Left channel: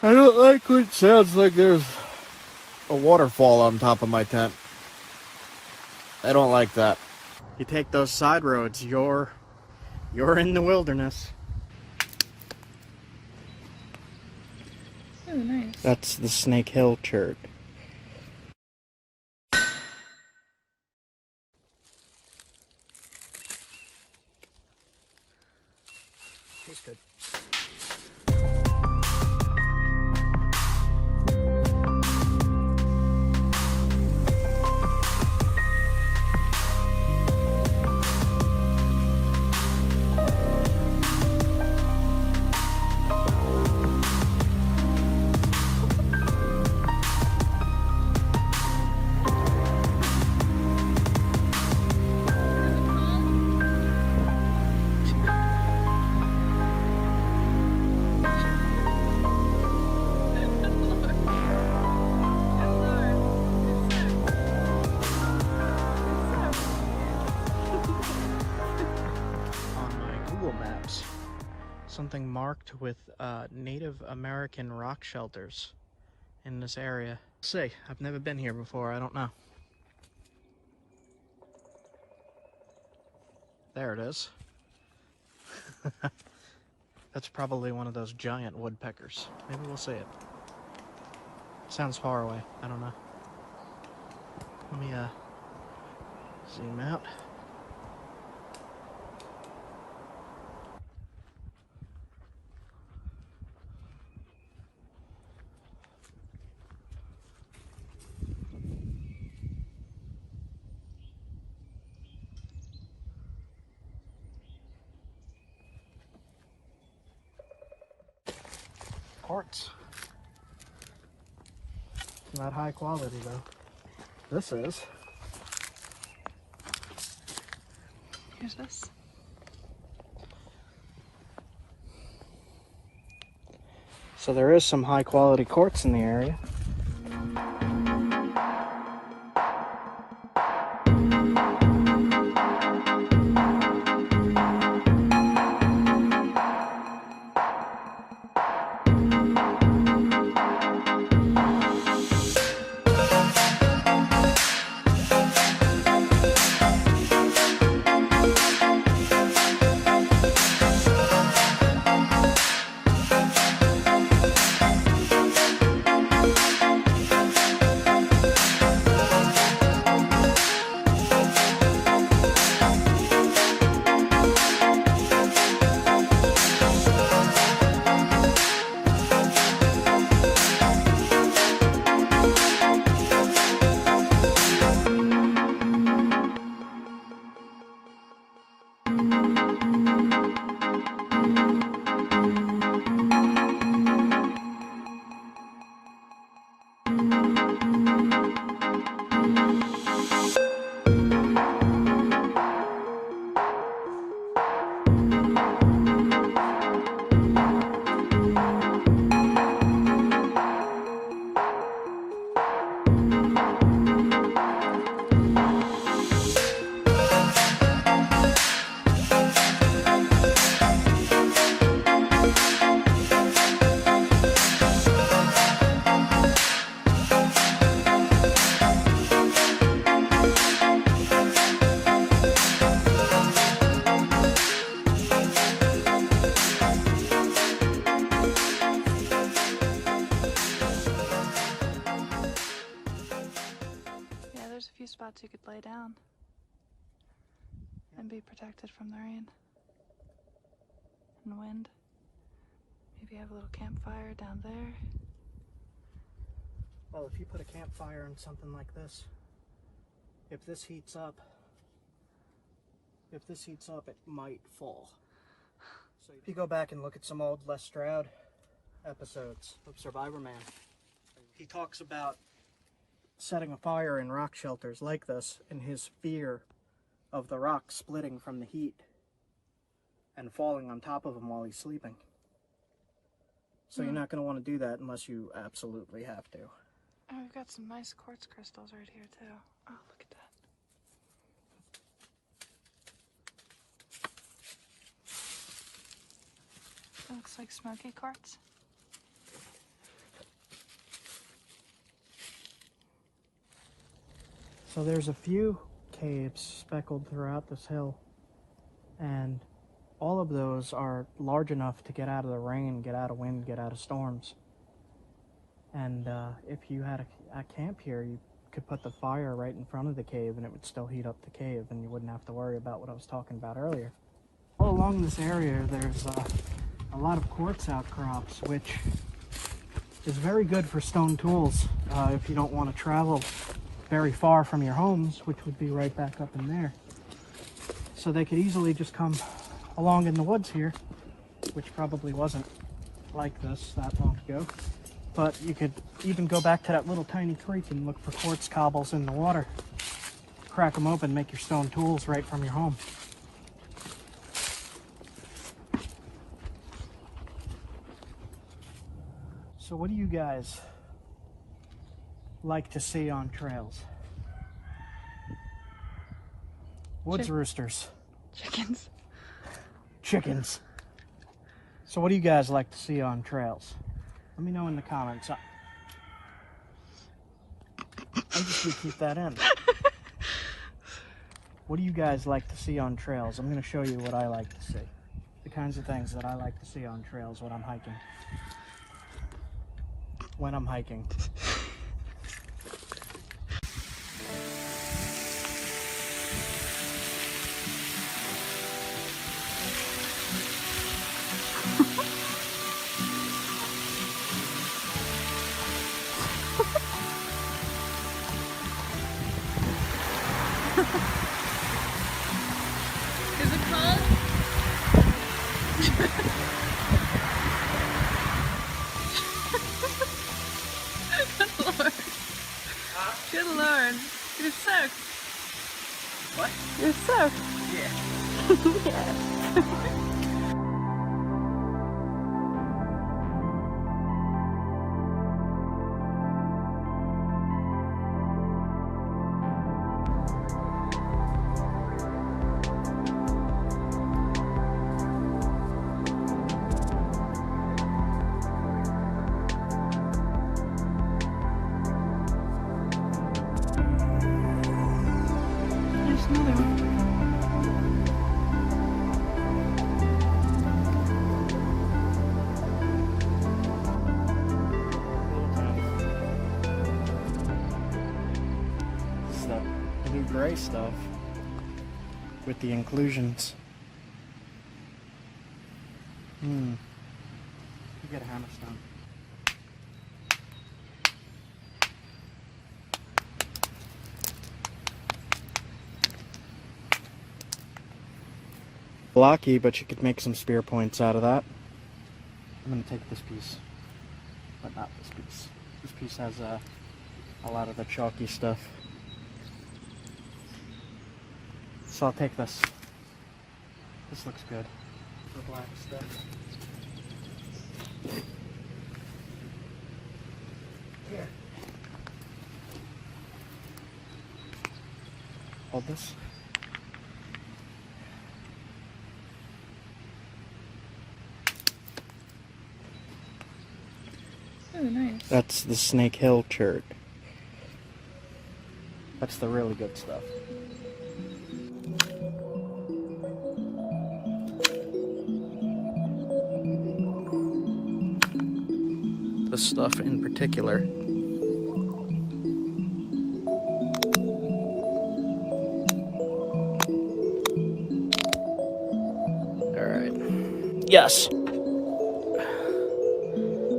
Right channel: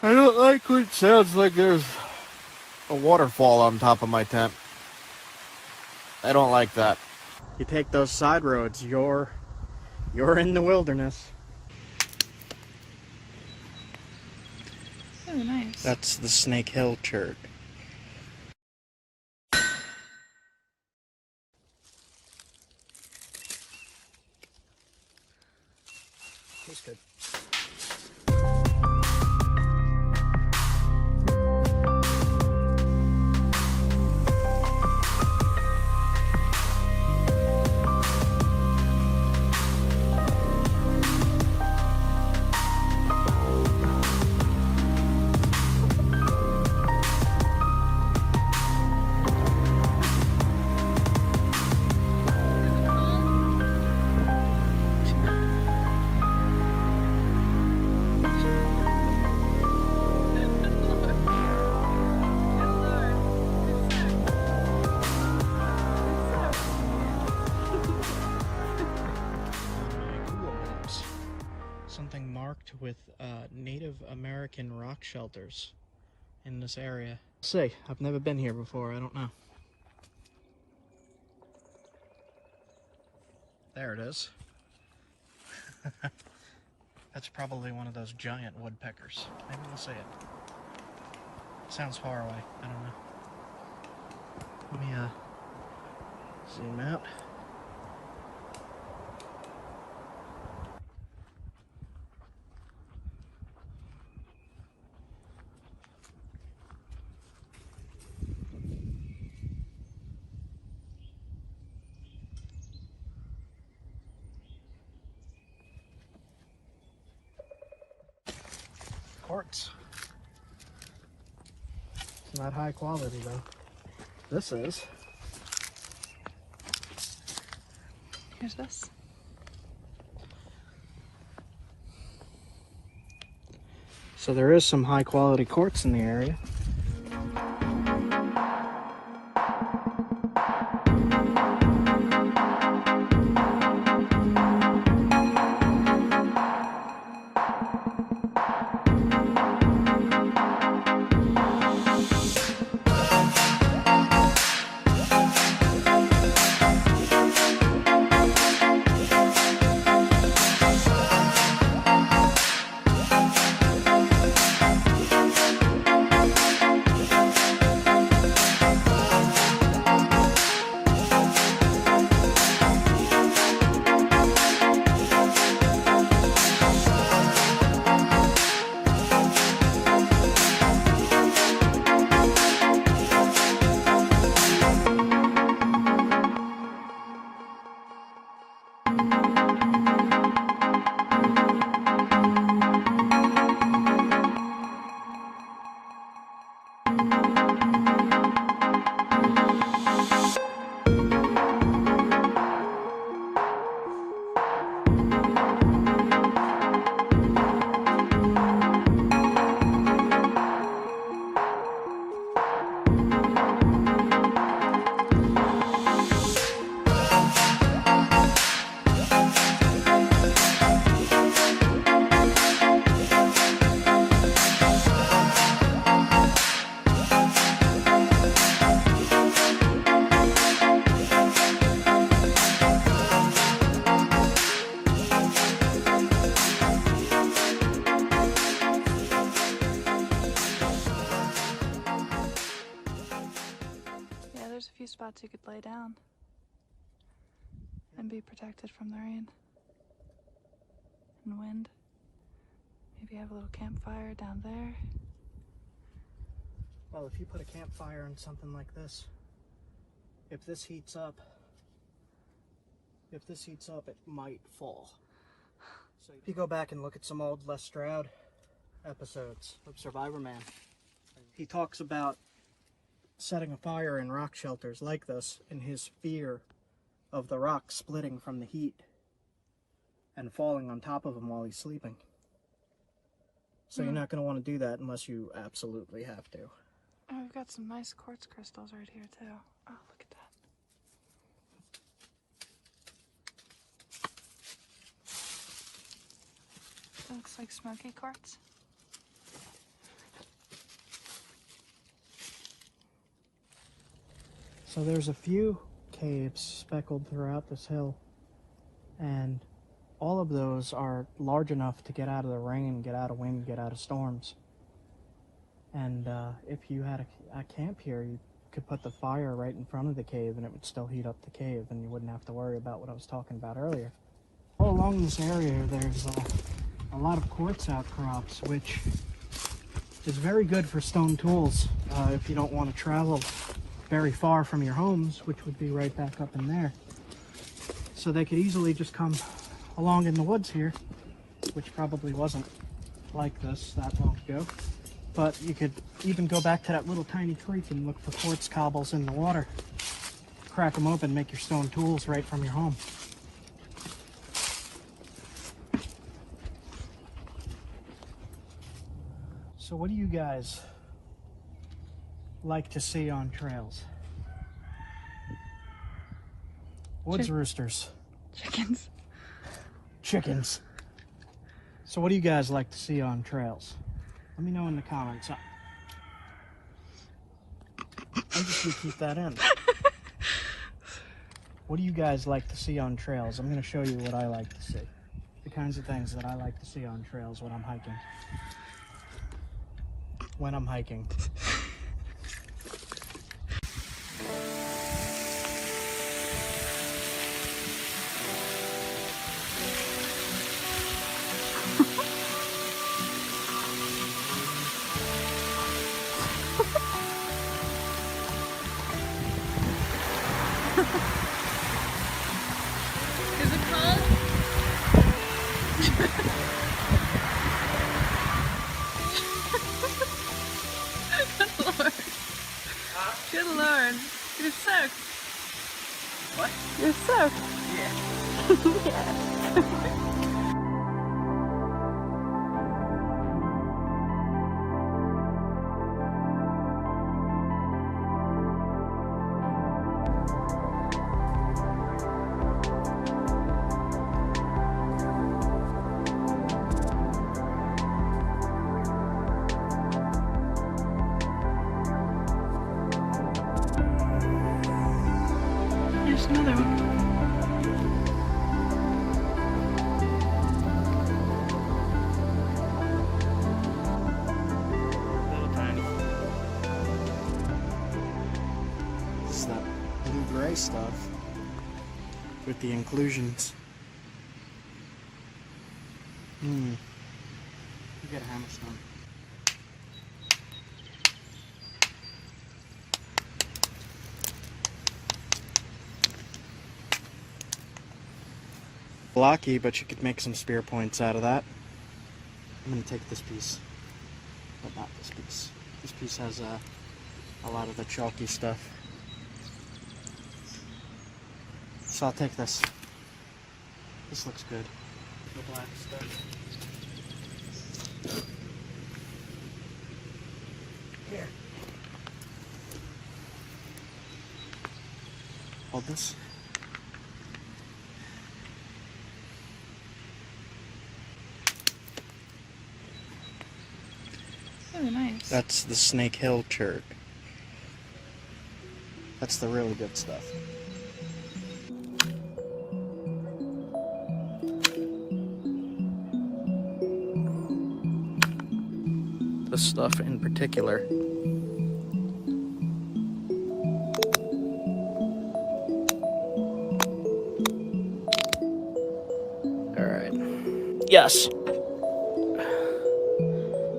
I don't like when it sounds like there's a waterfall on top of my tent. I don't like that. You take those side roads, you're in the wilderness. Oh, nice. That's the Snake Hill chert. That's good. Something marked with Native American rock shelters in this area. Let's see, I've never been here before, I don't know. There it is. That's probably one of those giant woodpeckers. Maybe we'll see it. Sounds far away, I don't know. Let me zoom out. Quartz. It's not high quality though. This is. Here's this. So there is some high quality quartz in the area. There's a few spots you could lay down and be protected from the rain and the wind. Maybe have a little campfire down there. Well, if you put a campfire on something like this, if this heats up, it might fall. So if you go back and look at some old Les Stroud episodes of Survivor Man, he talks about setting a fire in rock shelters like this and his fear of the rock splitting from the heat and falling on top of him while he's sleeping. So you're not going to want to do that unless you absolutely have to. Oh, we've got some nice quartz crystals right here too. Oh, look at that. It looks like smoky quartz. So there's a few caves speckled throughout this hill, and all of those are large enough to get out of the rain, get out of wind, get out of storms. And if you had a camp here, you could put the fire right in front of the cave and it would still heat up the cave, and you wouldn't have to worry about what I was talking about earlier. All along this area, there's a lot of quartz outcrops, which is very good for stone tools if you don't want to travel very far from your homes, which would be right back up in there. So they could easily just come along in the woods here, which probably wasn't like this that long ago. But you could even go back to that little tiny creek and look for quartz cobbles in the water. Crack them open, make your stone tools right from your home. So what do you guys like to see on trails? Woods roosters. Chickens. Chickens. So what do you guys like to see on trails? Let me know in the comments. I just repeat that in. What do you guys like to see on trails? I'm going to show you what I like to see. The kinds of things that I like to see on trails when I'm hiking. When I'm hiking. Is it cold? Good lord. Good lord. You're soaked. What? You're soaked. Yeah. Yeah. There's another one. Little tiny. This is that blue-gray stuff with the inclusions. You get a hammerstone. Blocky, but you could make some spear points out of that. I'm going to take this piece, but not this piece. This piece has a lot of the chalky stuff. So I'll take this. This looks good. The black stuff. Here. Hold this. Really nice. That's the Snake Hill chert. That's the really good stuff. This stuff in particular. Alright. Yes!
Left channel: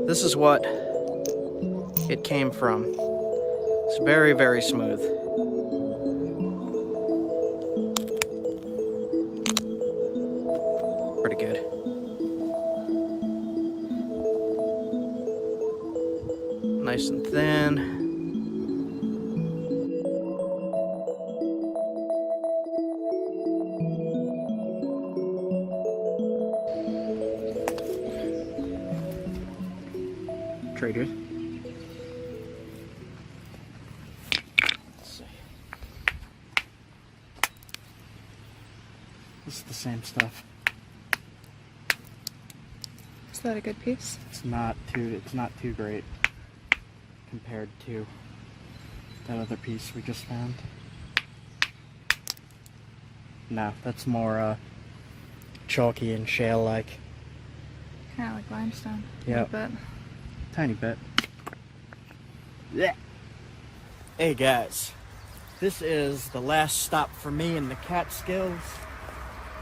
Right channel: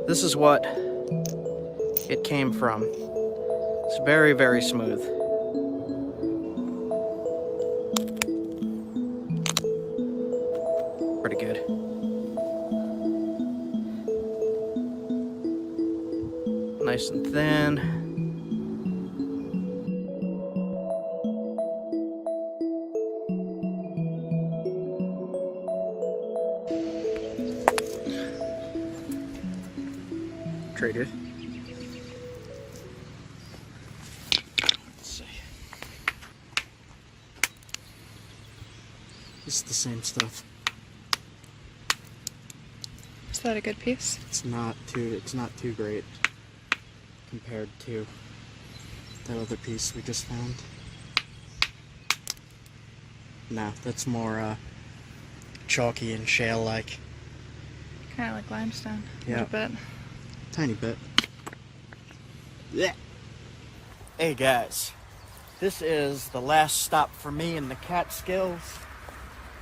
This is what it came from. It's very, very smooth. Pretty good. Nice and thin. Pretty good. Let's see. This is the same stuff. Is that a good piece? It's not too great compared to that other piece we just found. No, that's more chalky and shale-like. Kind of like limestone. A Yep. little bit. Tiny bit. Yeah. Hey guys, this is the last stop for me in the Catskills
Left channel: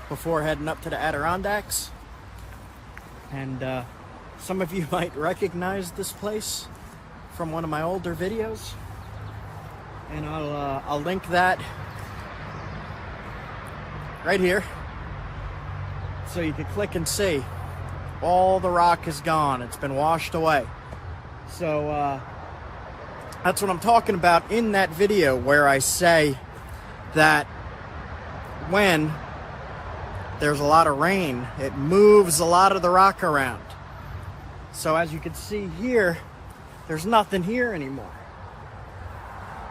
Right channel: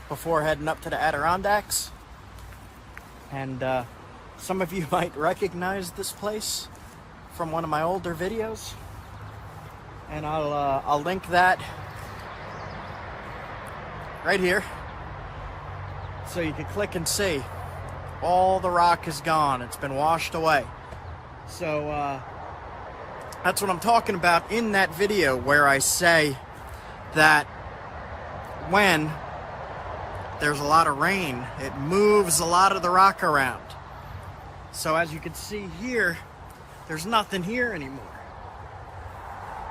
before heading up to the Adirondacks. And some of you might recognize this place from one of my older videos. And I'll link that right here. So you can click and see. All the rock is gone. It's been washed away. So that's what I'm talking about in that video, where I say that when there's a lot of rain, it moves a lot of the rock around. So as you can see here, there's nothing here anymore.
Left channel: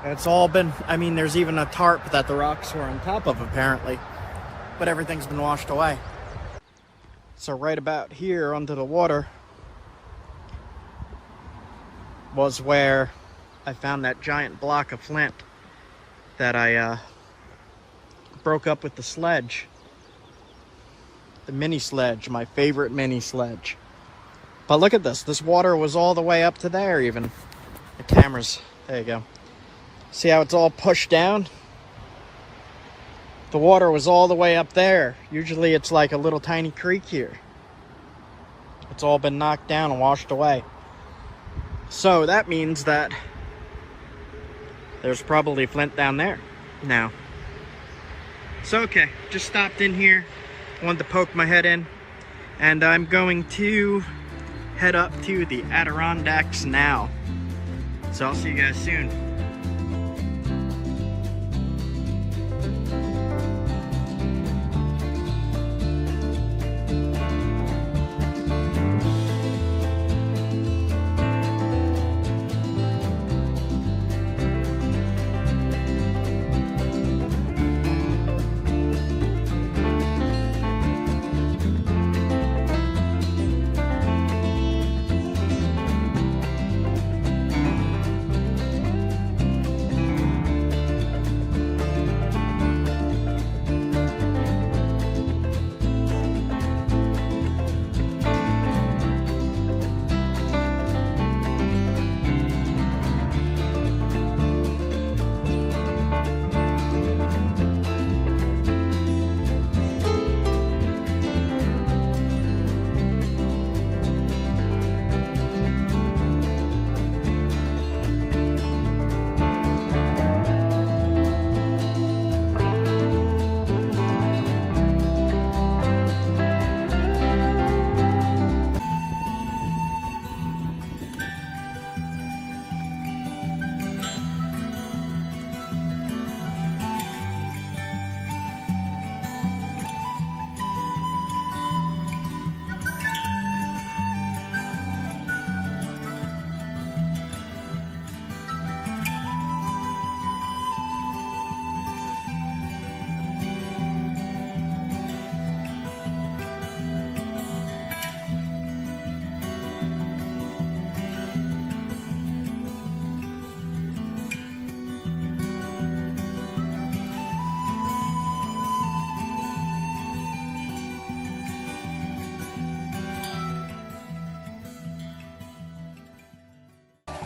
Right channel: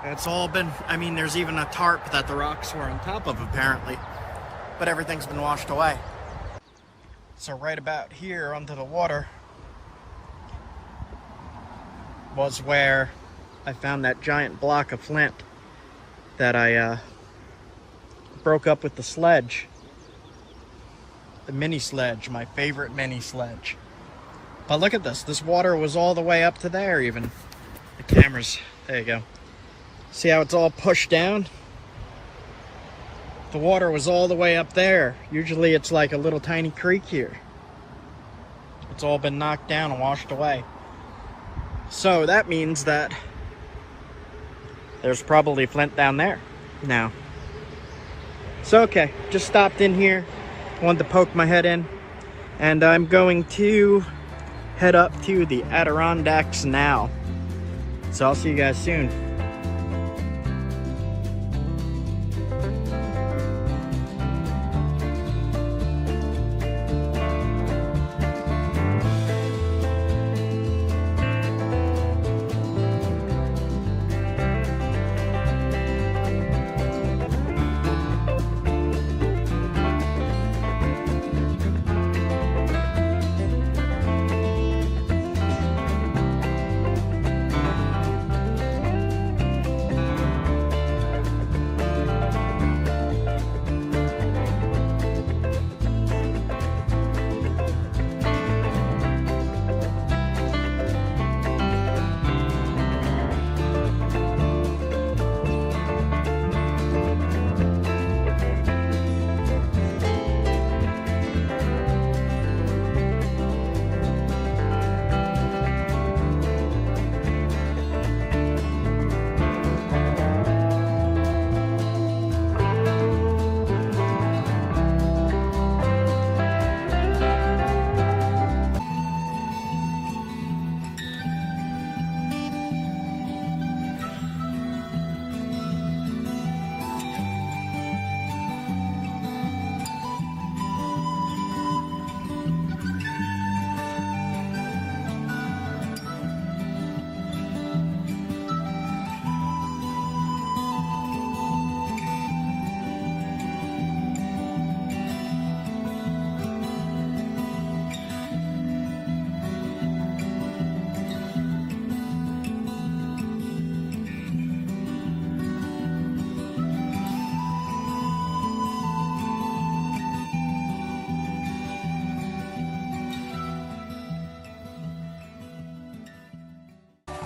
It's all been, I mean, there's even a tarp that the rocks were on top of apparently, but everything's been washed away. So right about here under the water was where I found that giant block of flint that I broke up with the sledge. The mini sledge, my favorite mini sledge. But look at this. This water was all the way up to there even. The camera's, there you go. See how it's all pushed down? The water was all the way up there. Usually it's like a little tiny creek here. It's all been knocked down and washed away. So that means that there's probably flint down there now. So okay, just stopped in here. Wanted to poke my head in. And I'm going to head up to the Adirondacks now. So I'll see you guys soon.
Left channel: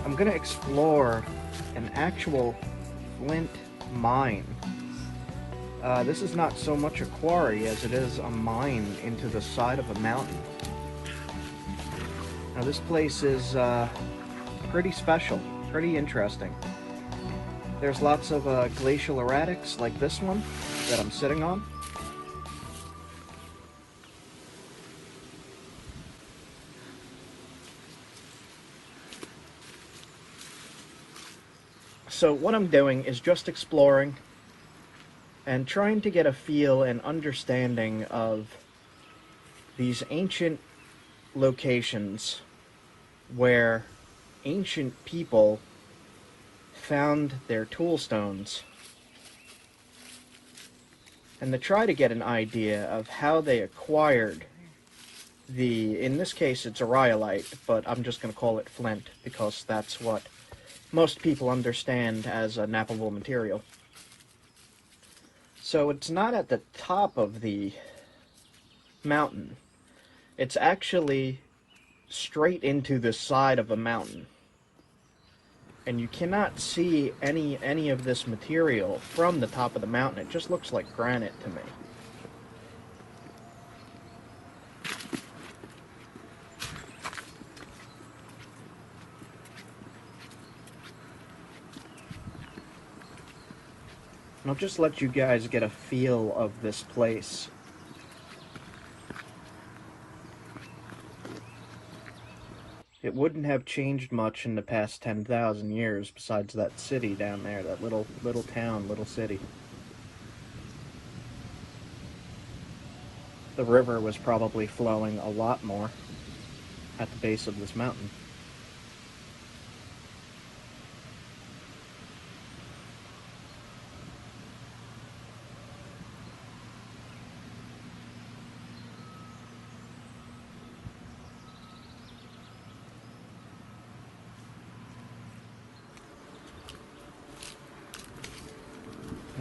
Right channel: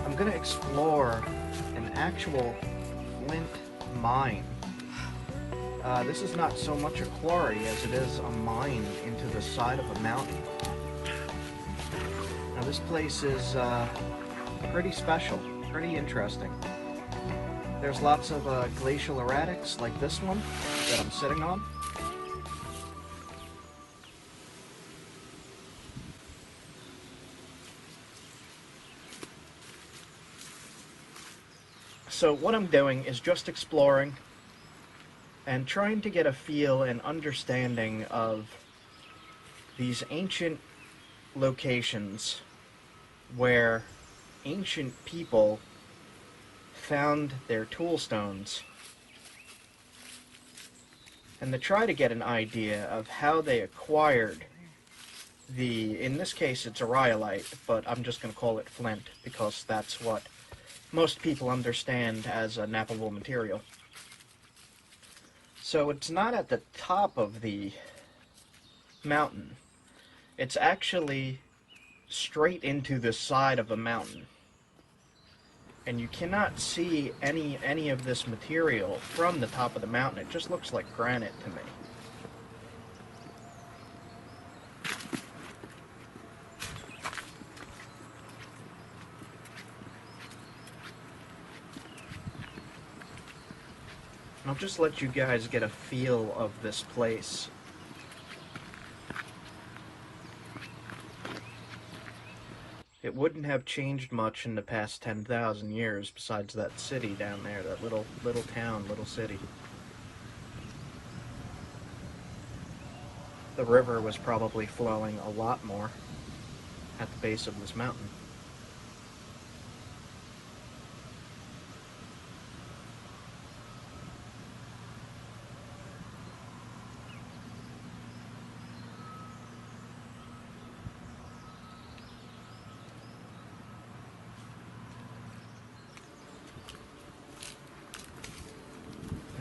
I'm gonna explore an actual flint mine. This is not so much a quarry as it is a mine into the side of a mountain. Now this place is pretty special, pretty interesting. There's lots of glacial erratics like this one that I'm sitting on. So what I'm doing is just exploring and trying to get a feel and understanding of these ancient locations where ancient people found their tool stones, and to try to get an idea of how they acquired in this case it's a rhyolite, but I'm just going to call it flint because that's what most people understand as a knappable material. So it's not at the top of the mountain. It's actually straight into the side of a mountain. And you cannot see any of this material from the top of the mountain. It just looks like granite to me. I'll just let you guys get a feel of this place. It wouldn't have changed much in the past 10,000 years besides that city down there, that little town, little city. The river was probably flowing a lot more at the base of this mountain.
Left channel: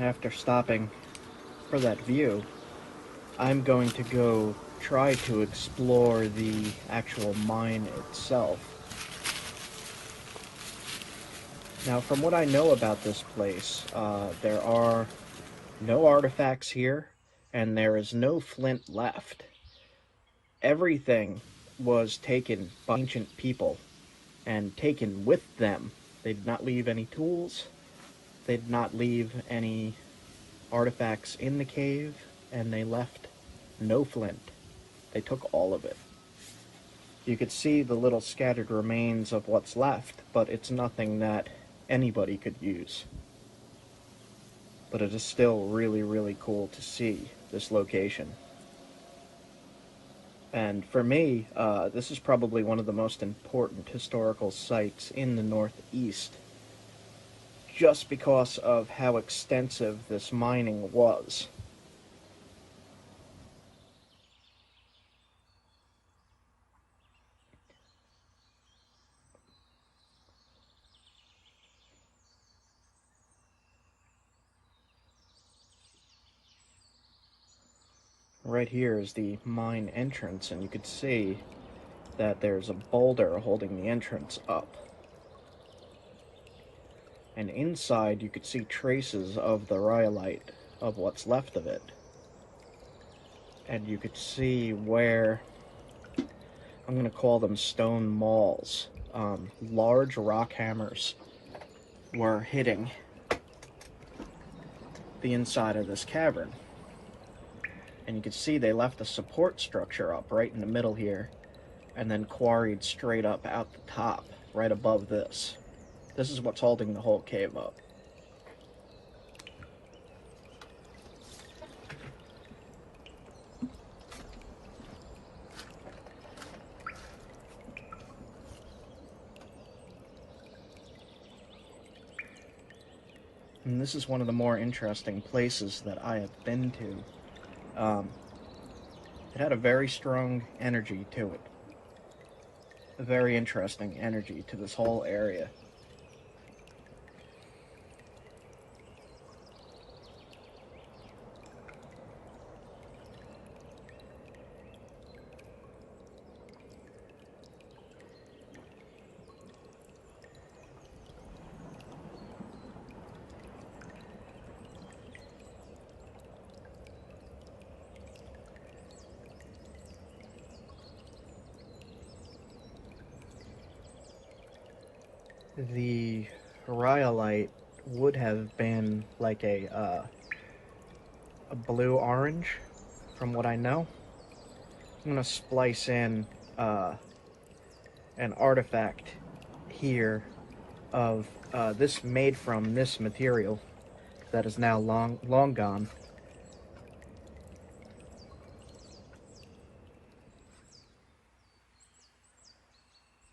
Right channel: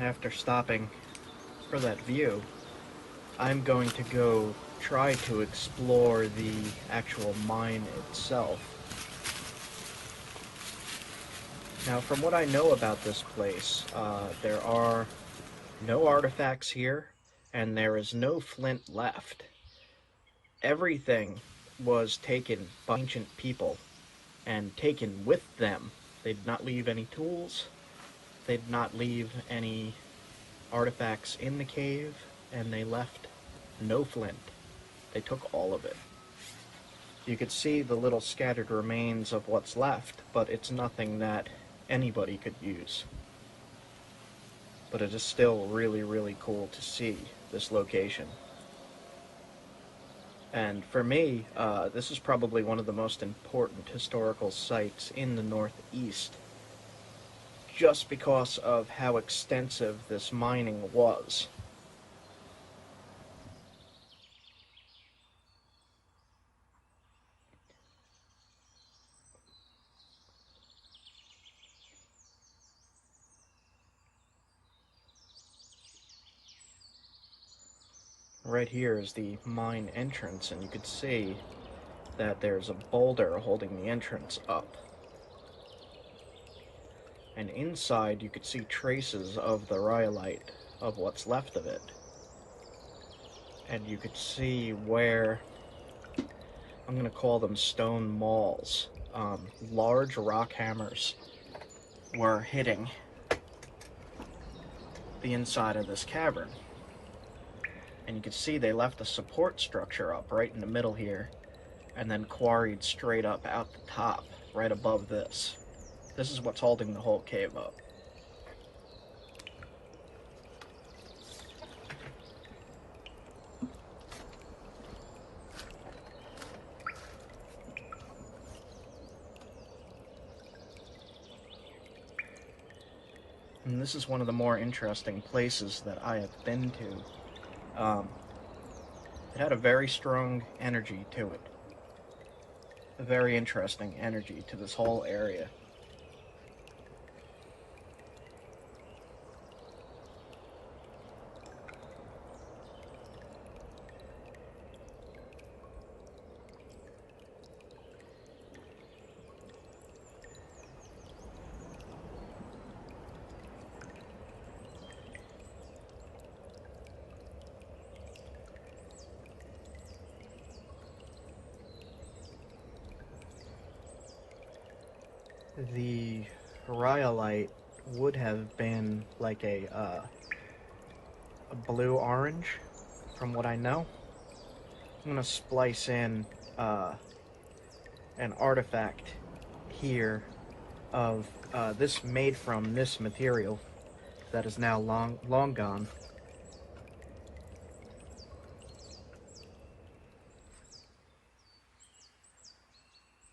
After stopping for that view, I'm going to go try to explore the actual mine itself. Now, from what I know about this place, there are no artifacts here, and there is no flint left. Everything was taken by ancient people and taken with them. They did not leave any tools. They did not leave any artifacts in the cave, and they left no flint. They took all of it. You could see the little scattered remains of what's left, but it's nothing that anybody could use. But it is still really, really cool to see this location. And for me, this is probably one of the most important historical sites in the Northeast, just because of how extensive this mining was. Right here is the mine entrance, and you could see that there's a boulder holding the entrance up. And inside you could see traces of the rhyolite, of what's left of it. And you could see where, I'm going to call them stone mauls, large rock hammers were hitting the inside of this cavern. And you can see they left a support structure up right in the middle here, and then quarried straight up out the top, right above this. This is what's holding the whole cave up. And this is one of the more interesting places that I have been to. It had a very strong energy to it. A very interesting energy to this whole area. The rhyolite would have been like a blue-orange, from what I know. I'm going to splice in an artifact here of this made from this material that is now long gone.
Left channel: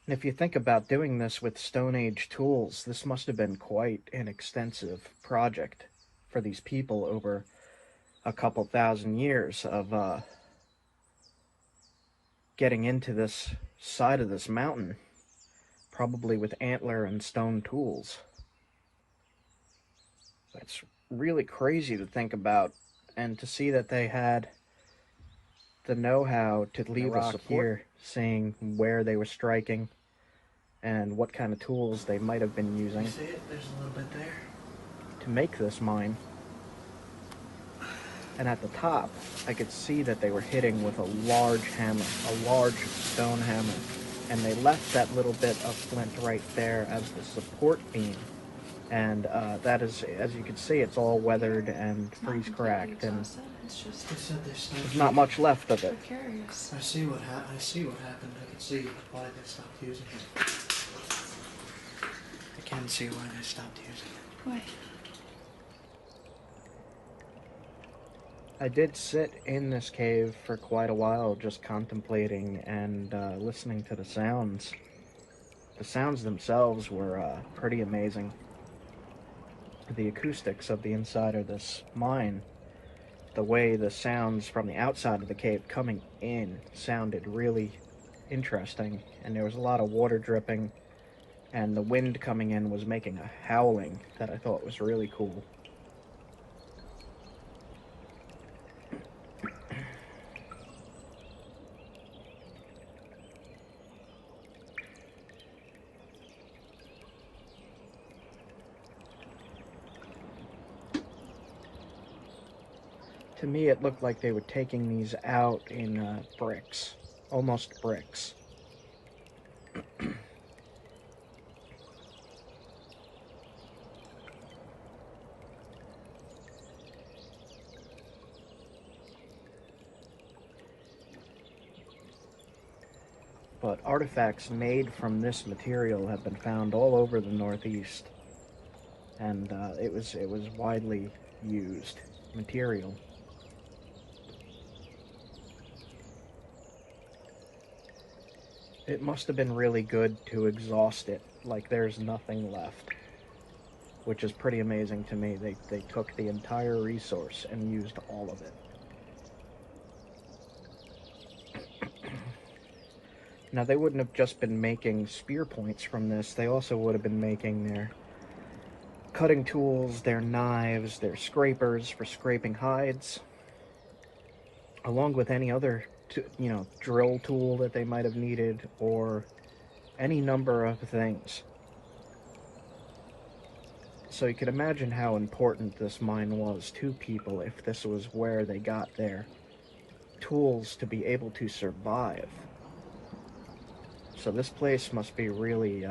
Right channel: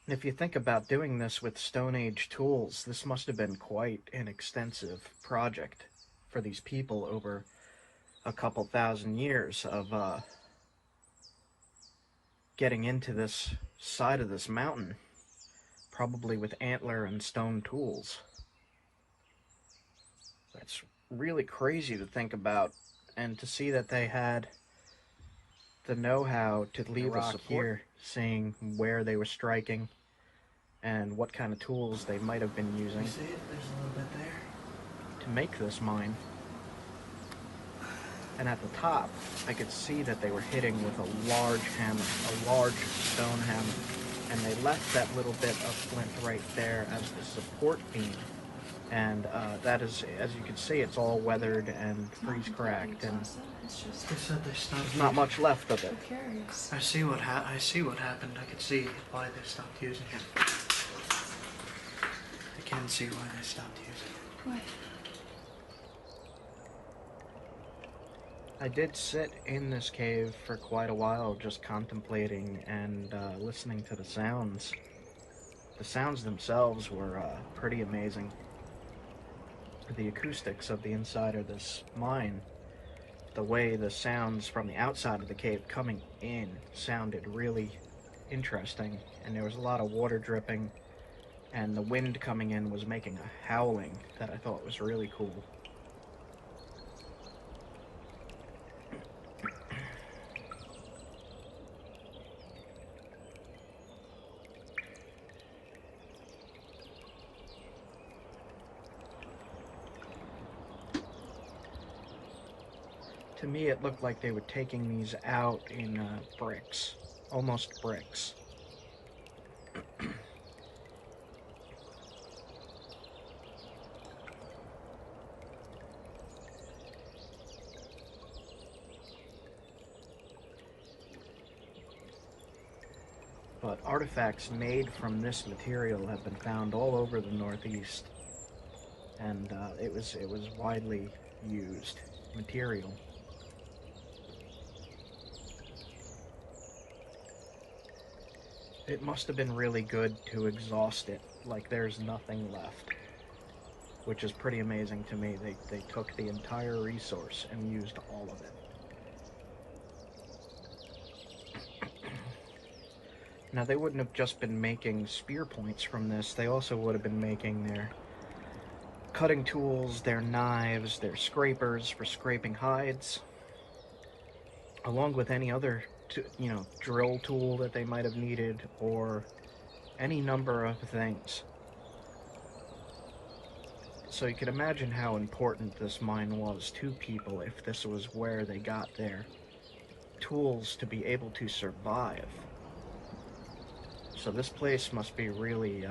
If you think about doing this with Stone Age tools, this must have been quite an extensive project for these people over a couple thousand years of getting into this side of this mountain, probably with antler and stone tools. That's really crazy to think about, and to see that they had the know-how to leave a rock here, seeing where they were striking and what kind of tools they might have been using. You see it? There's a little bit there. To make this mine. And at the top, I could see that they were hitting with a large hammer, a large stone hammer. And they left that little bit of flint right there as the support beam. And that is, as you can see, it's all weathered and freeze-cracked, and It's just, They said they stopped. there's not much left of it. I'm curious. I see what happened. I could see why they stopped using it. I can see why they stopped using it. Why? I did sit in this cave for quite a while, just contemplating and listening to the sounds. The sounds themselves were pretty amazing. The acoustics of the inside of this mine, the way the sounds from the outside of the cave coming in sounded really interesting, and there was a lot of water dripping, and the wind coming in was making a howling that I thought was really cool. To me, it looked like they were taking these out in bricks, almost bricks. But artifacts made from this material have been found all over the Northeast, and it was widely used material. It must have been really good to exhaust it, like there's nothing left, which is pretty amazing to me. They took the entire resource and used all of it. Now, they wouldn't have just been making spear points from this. They also would have been making their cutting tools, their knives, their scrapers for scraping hides, along with any other drill tool that they might have needed, or any number of things. So you could imagine how important this mine was to people if this was where they got their tools to be able to survive. So this place must be really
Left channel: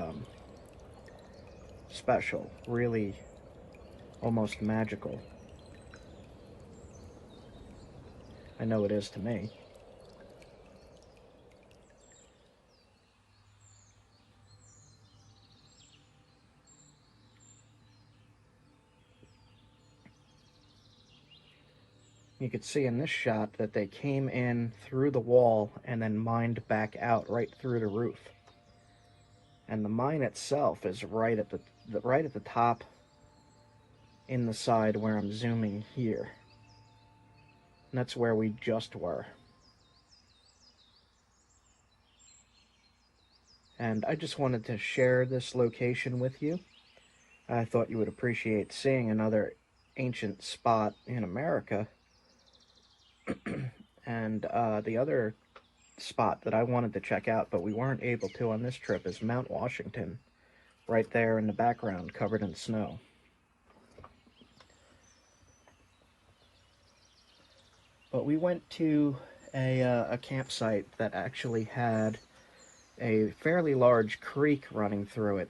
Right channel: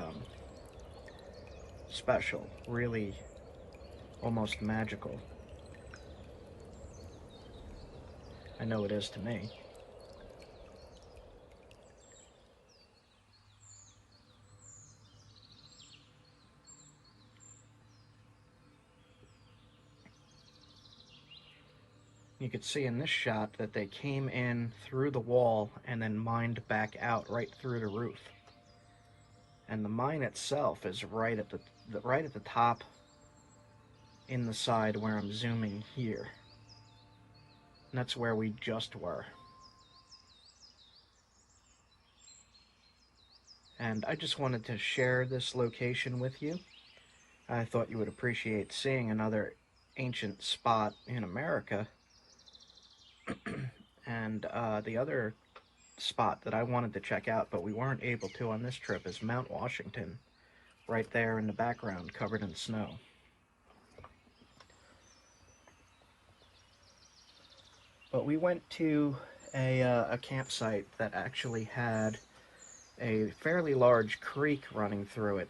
special, really almost magical. I know it is to me. You could see in this shot that they came in through the wall and then mined back out right through the roof. And the mine itself is right at the top in the side where I'm zooming here. And that's where we just were. And I just wanted to share this location with you. I thought you would appreciate seeing another ancient spot in America. And the other spot that I wanted to check out, but we weren't able to on this trip, is Mount Washington, right there in the background, covered in snow. But we went to a campsite that actually had a fairly large creek running through it.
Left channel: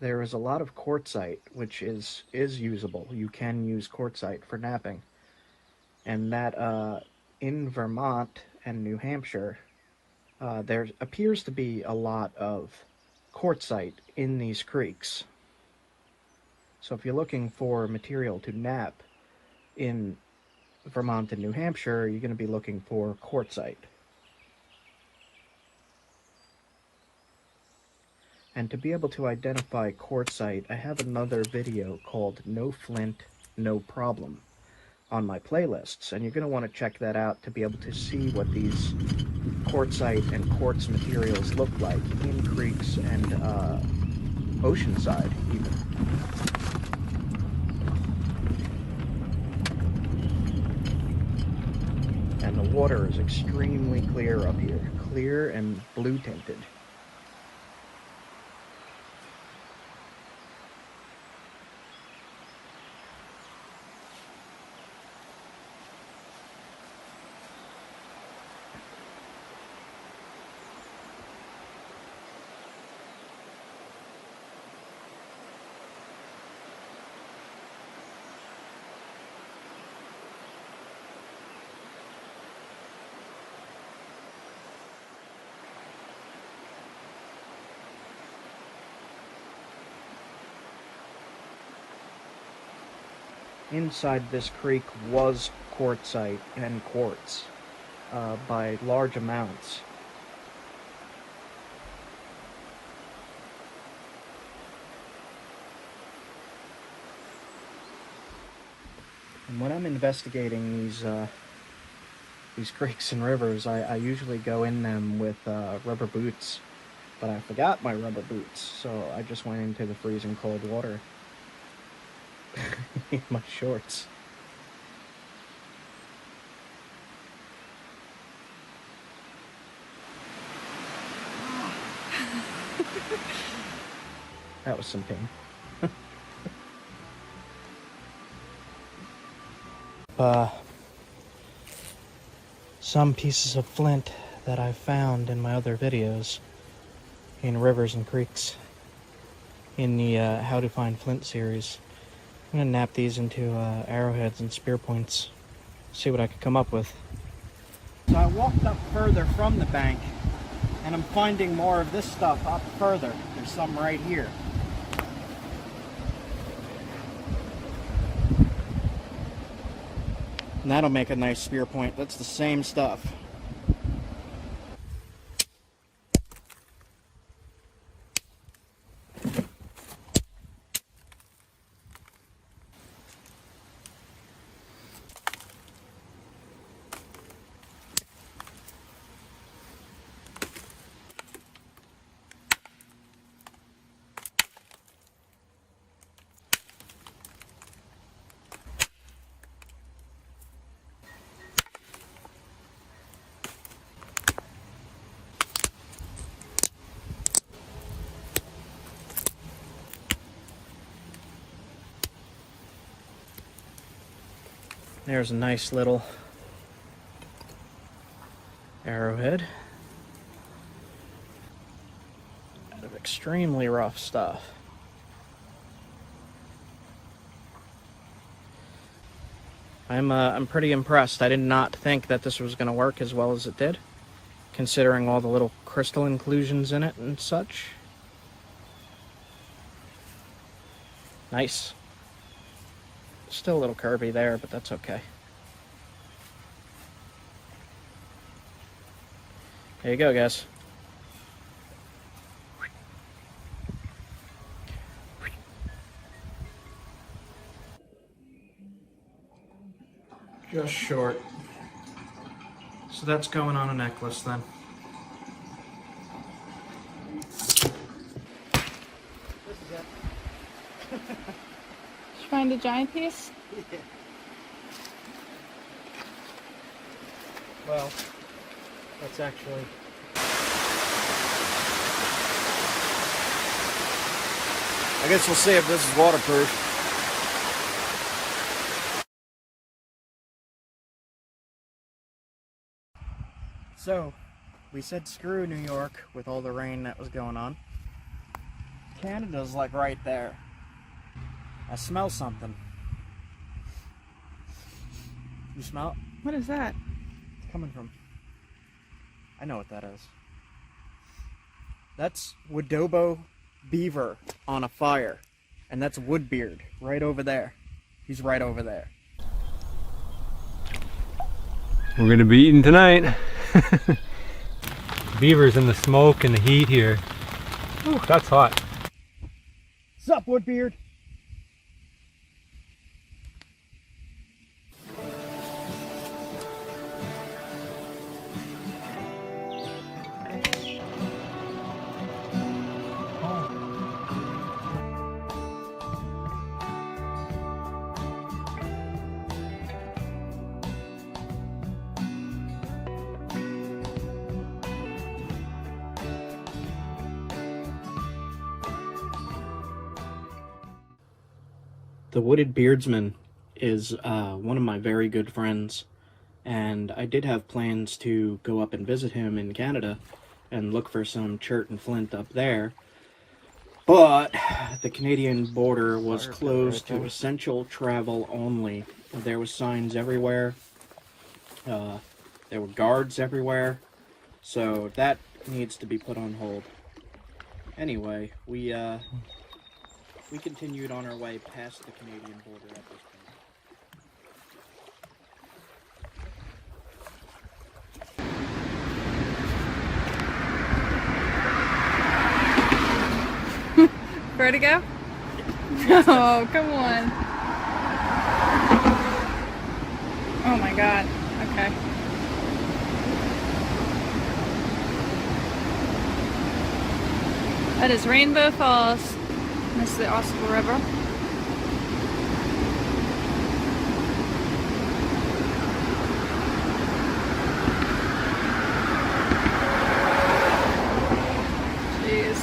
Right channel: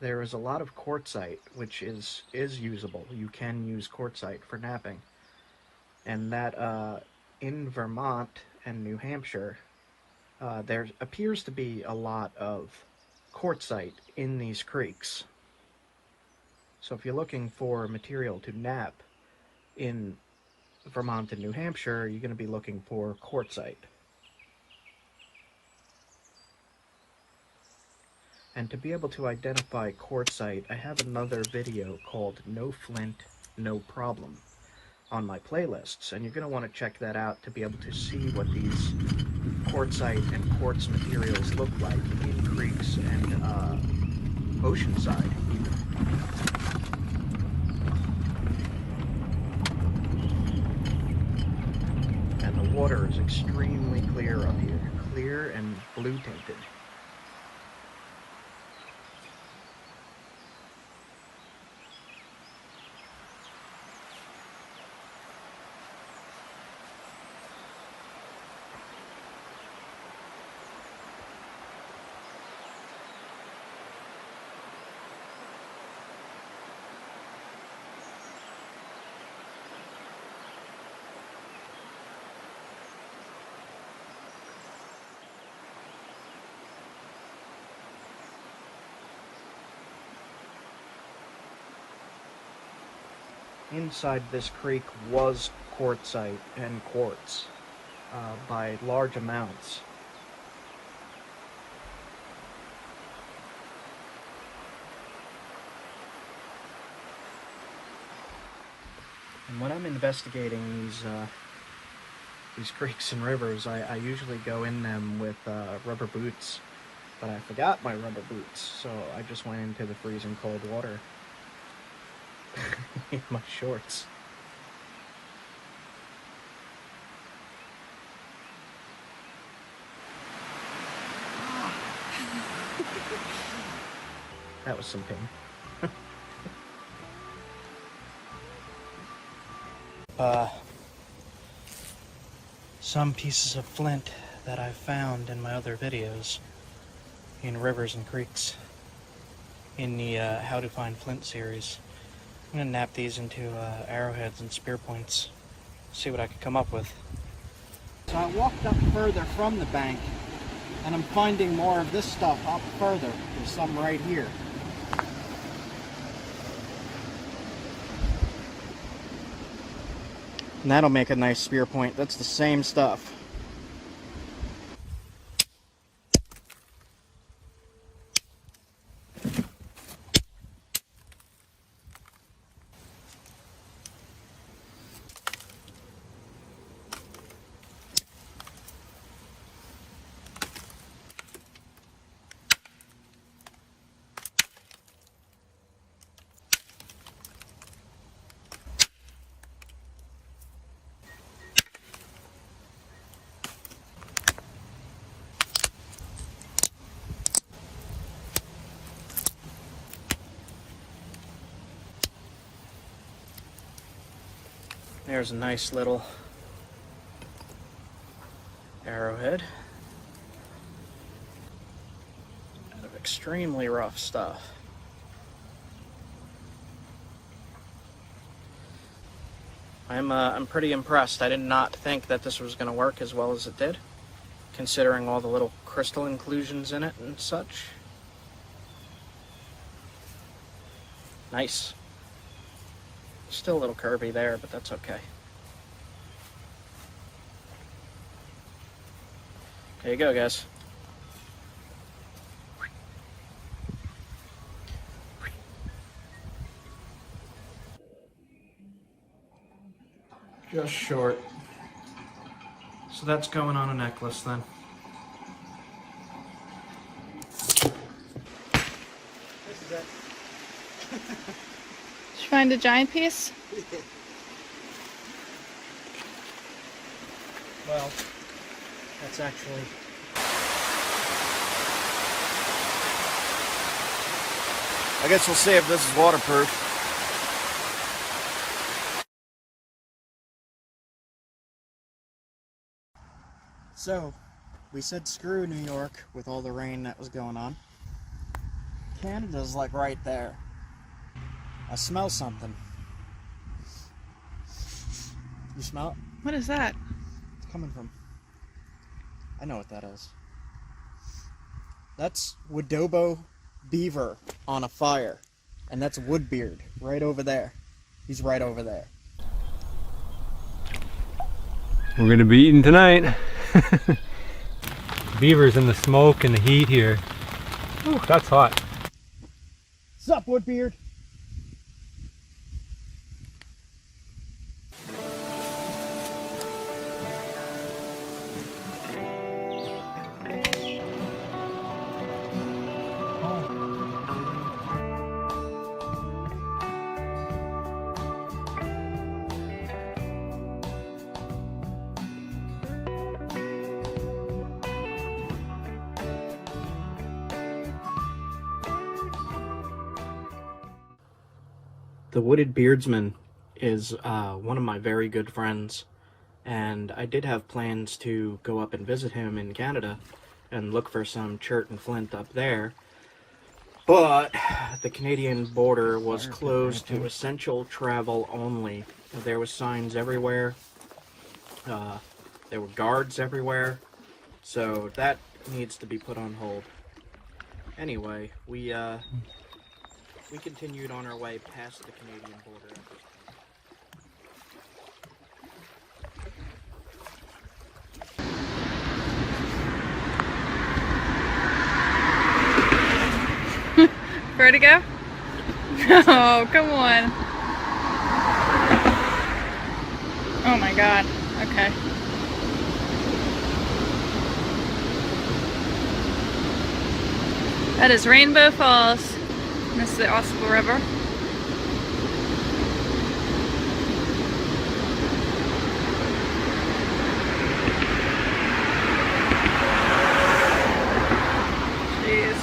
There is a lot of quartzite, which is usable. You can use quartzite for knapping. And that in Vermont and New Hampshire, there appears to be a lot of quartzite in these creeks. So if you're looking for material to knap in Vermont and New Hampshire, you're going to be looking for quartzite. And to be able to identify quartzite, I have another video called No Flint, no problem on my playlists, and you're going to want to check that out to be able to see what these quartzite and quartz materials look like in creeks and oceanside even. And the water is extremely clear up here, clear and blue tinted. Inside this creek was quartzite and quartz by large amounts. And when I'm investigating these creeks and rivers, I usually go in them with rubber boots, but I forgot my rubber boots, so I just went into the freezing cold water. My shorts. That was some pain. Some pieces of flint that I've found in my other videos in rivers and creeks in the How to Find Flint series. I'm going to nap these into arrowheads and spear points, see what I could come up with. So I walked up further from the bank, and I'm finding more of this stuff up further. There's some right here. And that'll make a nice spear point. That's the same stuff. There's a nice little arrowhead. Out of extremely rough stuff. I'm pretty impressed. I did not think that this was going to work as well as it did, considering all the little crystal inclusions in it and such. Nice. Still a little curvy there, but that's okay. There you go, guys. Just short. So that's going on a necklace then. Did you find a giant piece? Well, that's actually... I guess we'll see if this is waterproof. So, we said screw New York with all the rain that was going on. Canada's like right there. I smell something. You smell it? What is that? It's coming from... I know what that is. That's Wodobo beaver on a fire. And that's Woodbeard right over there. He's right over there. We're gonna be eating tonight. Beavers in the smoke and the heat here. Ooh, that's hot. Sup, Woodbeard? The Wooded Beardsman is one of my very good friends, and I did have plans to go up and visit him in Canada and look for some chert and flint up there, but the Canadian border was closed to essential travel only. There was signs everywhere, there were guards everywhere, so that needs to be put on hold. Anyway, we continued on our way past the Canadian border at this point. Vertigo? No, come on. Oh my god. Okay. That is Rainbow Falls. This is the Osprey River. Jeez.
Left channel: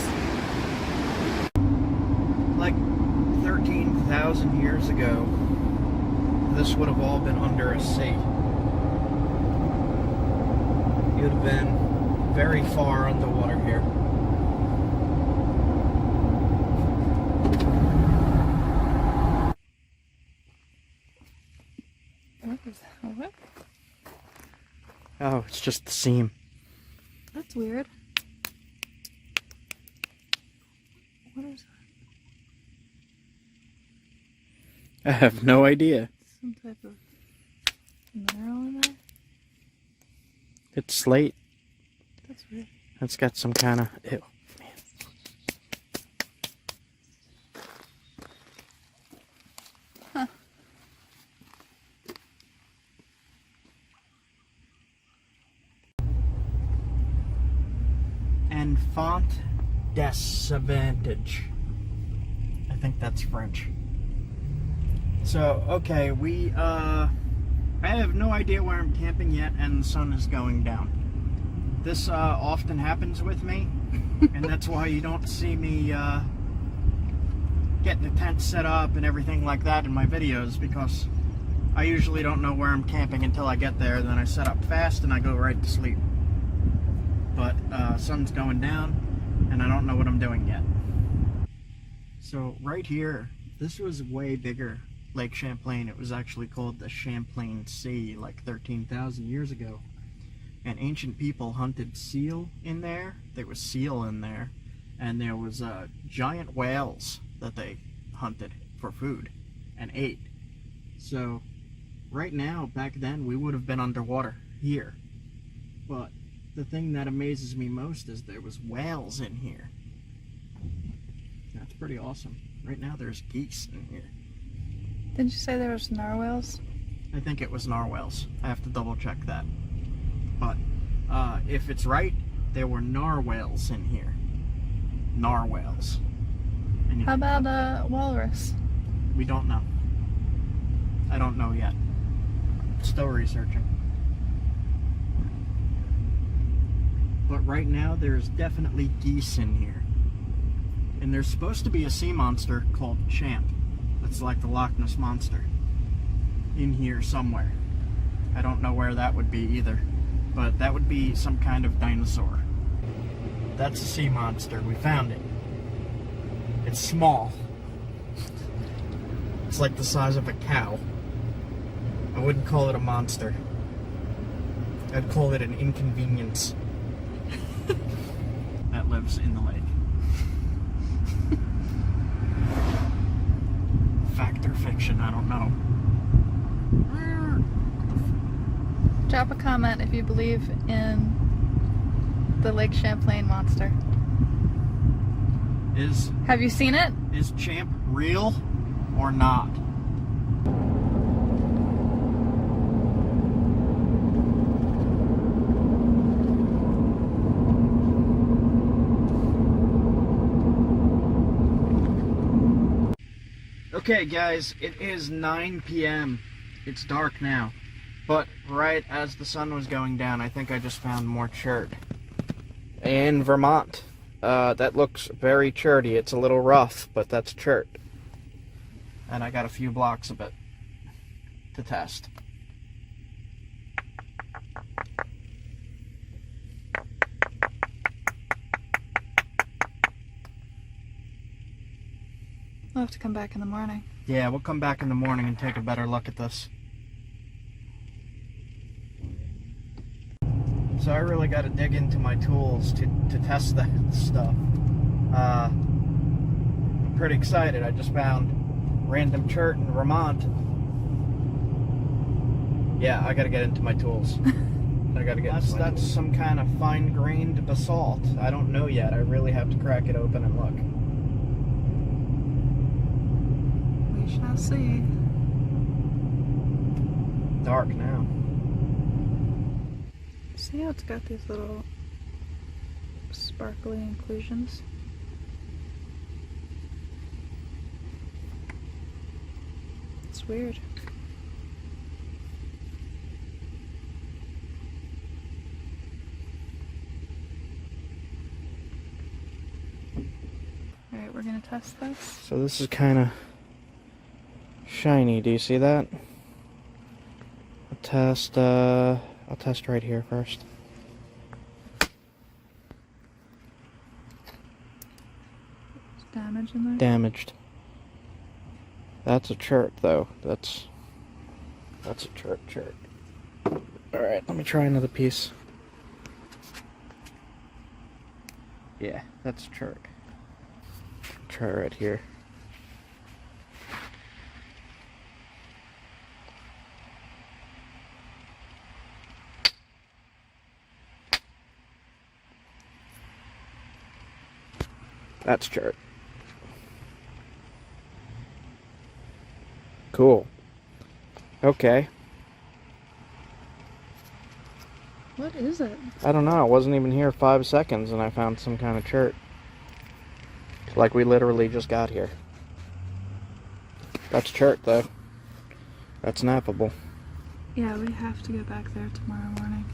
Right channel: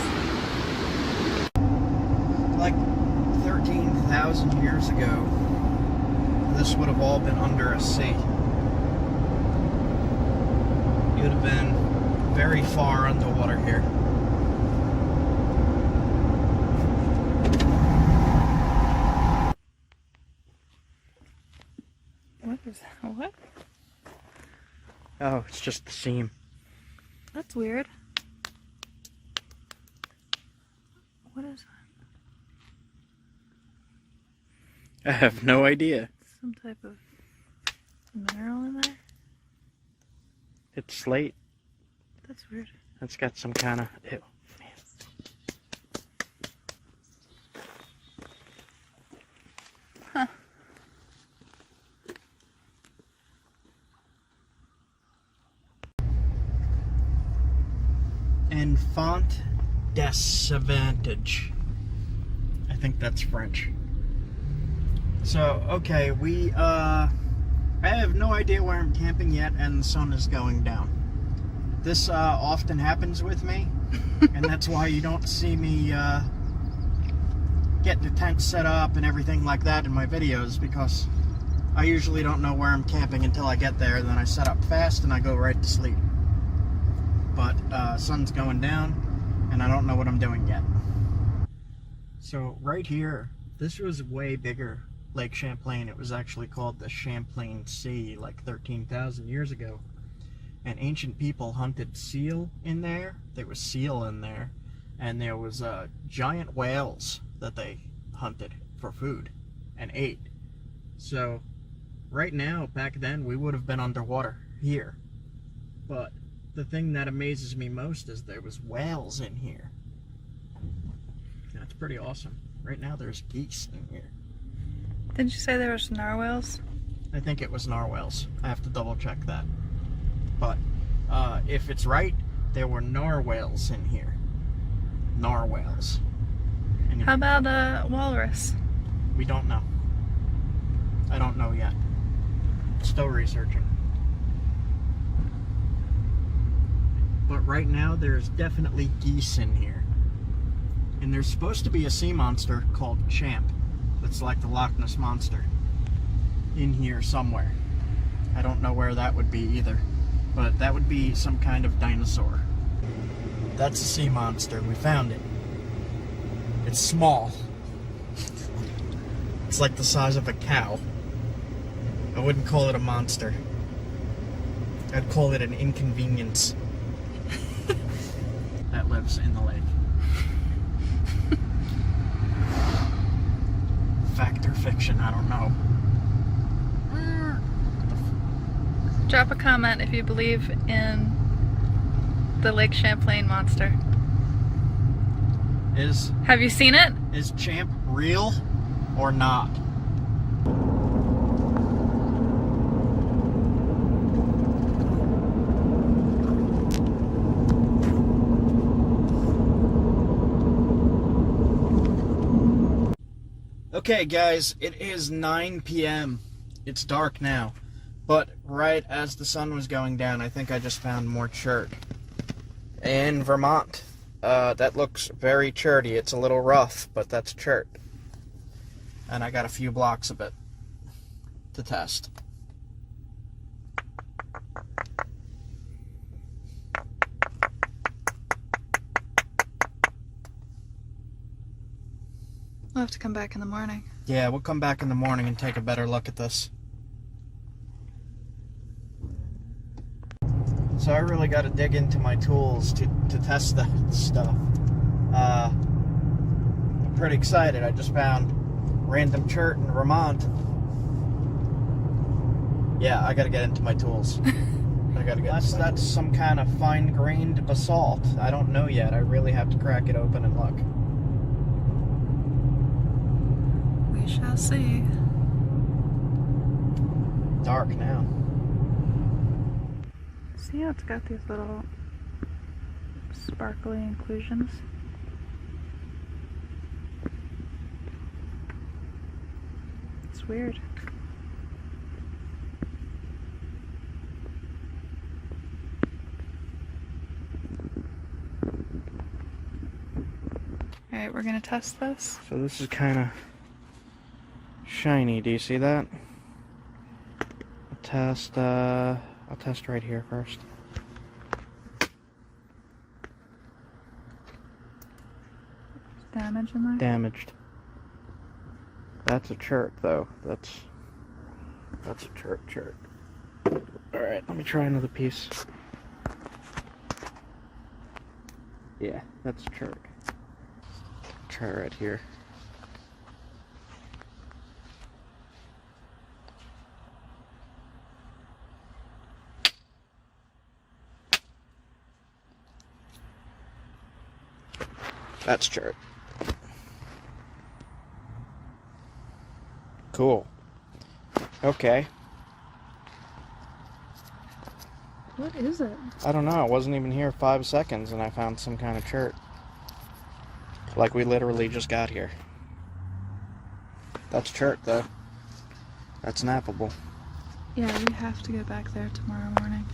Like 13,000 years ago, this would have all been under a sea. You would have been very far underwater here. What is that? What? Oh, it's just the seam. That's weird. What is that? I have no idea. Some type of mineral in there? It's slate. That's weird. It's got some kind of... Ew. Huh. Enfant disadvantage. I think that's French. So, okay, I have no idea where I'm camping yet, and the sun is going down. This often happens with me, and that's why you don't see me get the tent set up and everything like that in my videos, because I usually don't know where I'm camping until I get there, then I set up fast and I go right to sleep. But sun's going down, and I don't know what I'm doing yet. So right here, this was way bigger. Lake Champlain. It was actually called the Champlain Sea like 13,000 years ago. And ancient people hunted seal in there. There was seal in there. And there was giant whales that they hunted for food and ate. So right now, back then, we would have been underwater here. But the thing that amazes me most is there was whales in here. That's pretty awesome. Right now there's geese in here. Didn't you say there was narwhals? I think it was narwhals. I have to double check that. But if it's right, there were narwhals in here. Narwhals. And How about a walrus? we don't know. I don't know yet. Still researching. But right now there's definitely geese in here. And there's supposed to be a sea monster called Champ. That's like the Loch Ness Monster in here somewhere. I don't know where that would be either, but that would be some kind of dinosaur. That's a sea monster. We found it. It's small. It's like the size of a cow. I wouldn't call it a monster. I'd call it an inconvenience that lives in the lake. Fact or fiction, I don't know. Drop a comment if you believe in the Lake Champlain monster. Have you seen it? Is Champ real or not? Okay guys, it is 9 p.m. It's dark now, but right as the sun was going down, I think I just found more chert in Vermont. That looks very cherty. It's a little rough, but that's chert. and I got a few blocks of it to test. We'll have to come back in the morning. Yeah, we'll come back in the morning and take a better look at this. So I really got to dig into my tools to test that stuff. I'm pretty excited. I just found random chert in Vermont. Yeah, I got to get into my tools. I got to get. That's some kind of fine-grained basalt. I don't know yet. I really have to crack it open and look. We shall see. Dark now. See how it's got these little sparkly inclusions? It's weird. Alright, we're gonna test this. So this is kind of shiny. Do you see that? I'll test right here first. Is damage in there? Damaged. That's a chert though. That's a chert. Alright, let me try another piece. Yeah, that's a chert. Try right here. That's chert. Cool. Okay. What is it? I don't know. I wasn't even here 5 seconds and I found some kind of chert. Like we literally just got here. That's chert though. That's nappable. Yeah, we have to go back there tomorrow morning.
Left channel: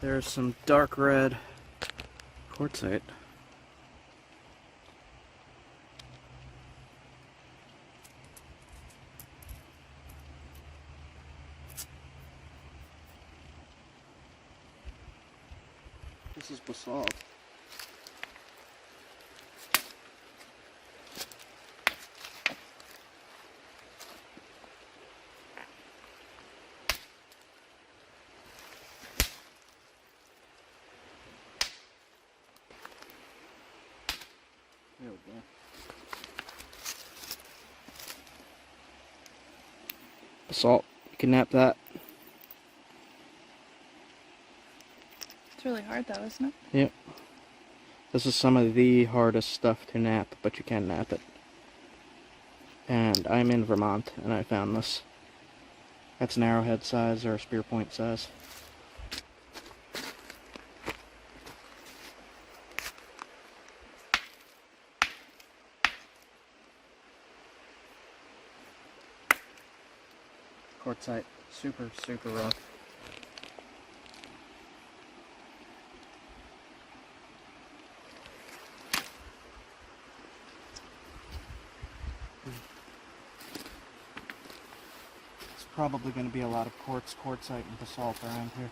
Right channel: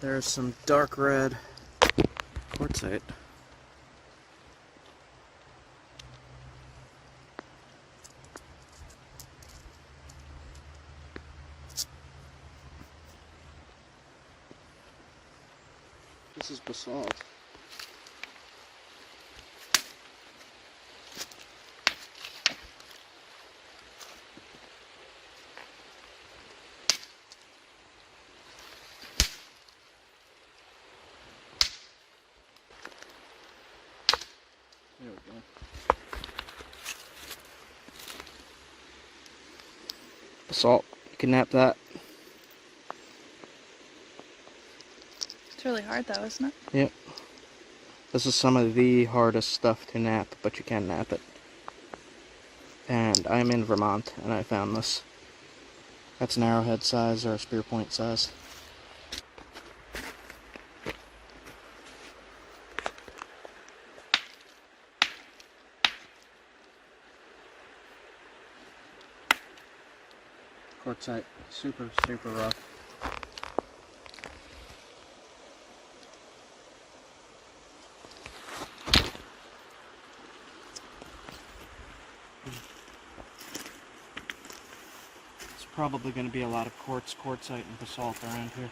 There's some dark red quartzite. This is basalt. There we go. Basalt. You can nap that. It's really hard though, isn't it? Yep. This is some of the hardest stuff to nap, but you can nap it. And I'm in Vermont, and I found this. That's an arrowhead size or a spear point size. Quartzite, super rough. probably going to be a lot of quartz, quartzite, and basalt around here.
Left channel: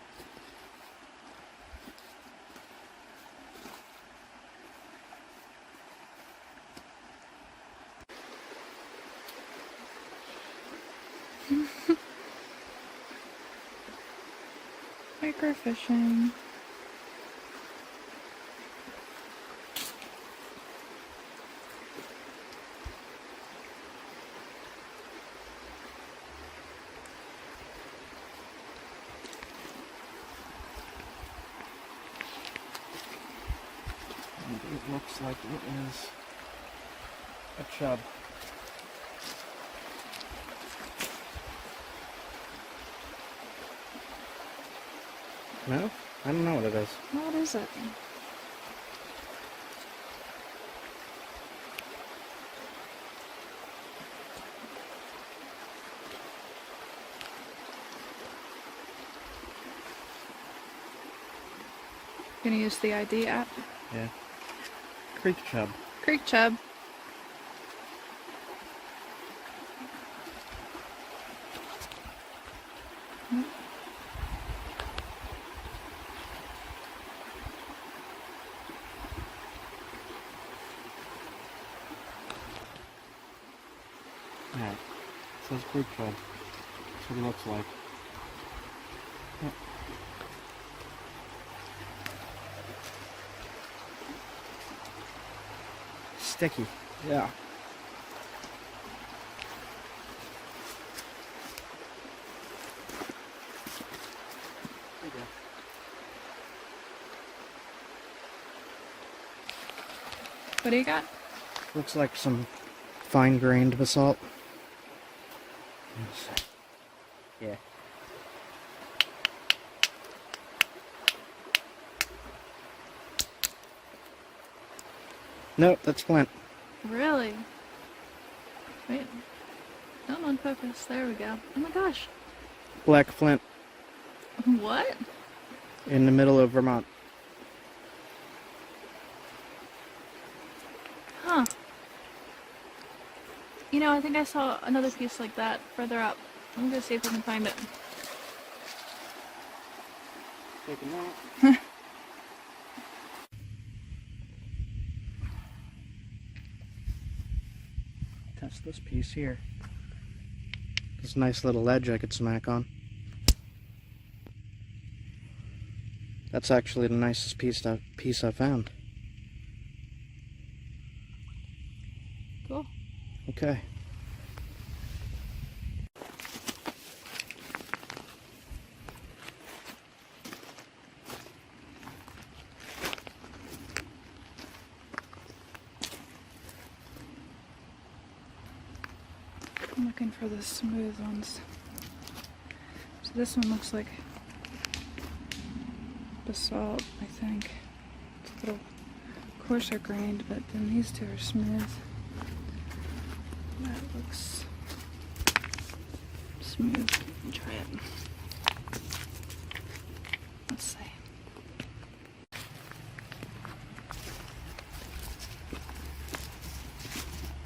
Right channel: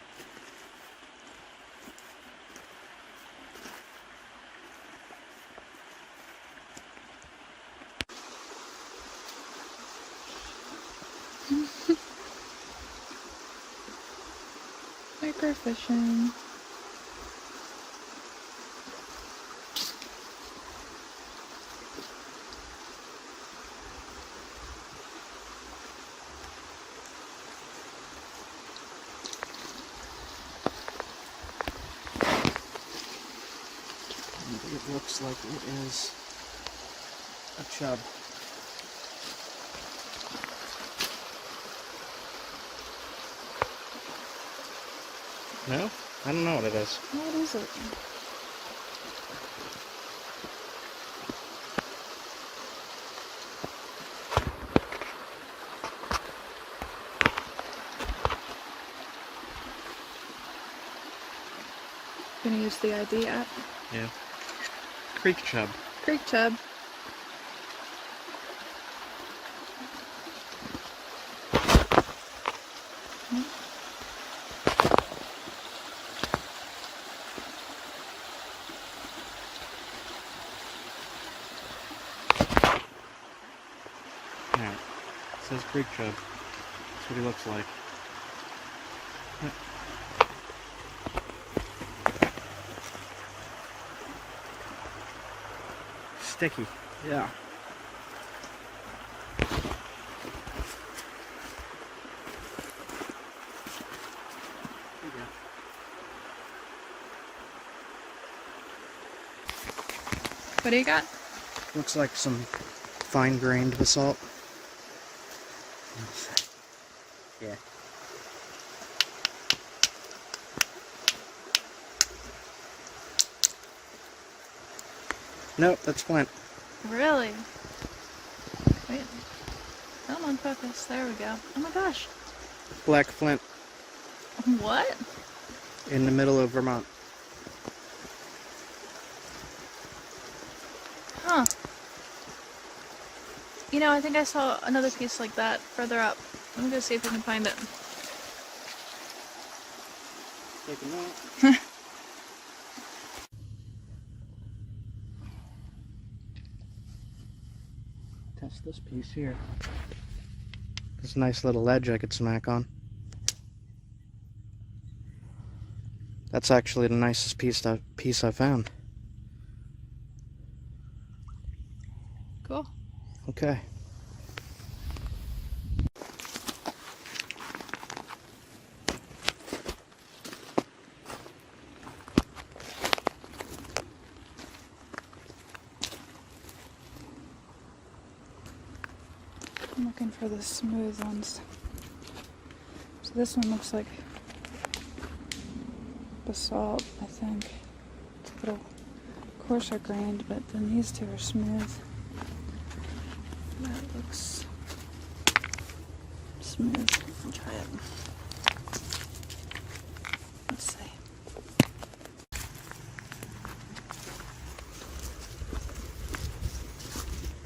Microfishing. It looks like it is a chub. No? I don't know what it is. What is it? Gonna use the ID app. Yeah. Creek chub. Creek chub. Alright. It says creek chub. That's what he looks like. Yep. Sticky. Yeah. There you go. What do you got? Looks like some fine-grained basalt. Yeah. Nope, that's flint. Really? Wait. Come on, focus. There we go. Oh my gosh. Black flint What? in the middle of Vermont. Huh. You know, I think I saw another piece like that further up. Let me go see if I can find it. Taking that. Test this piece here. There's a nice little ledge I could smack on. That's actually the nicest piece I found. Cool. Okay. I'm looking for the smooth ones. So this one looks like basalt, I think. It's a little coarser grained, but then these two are smooth. That looks smooth. I'll try it. Let's see.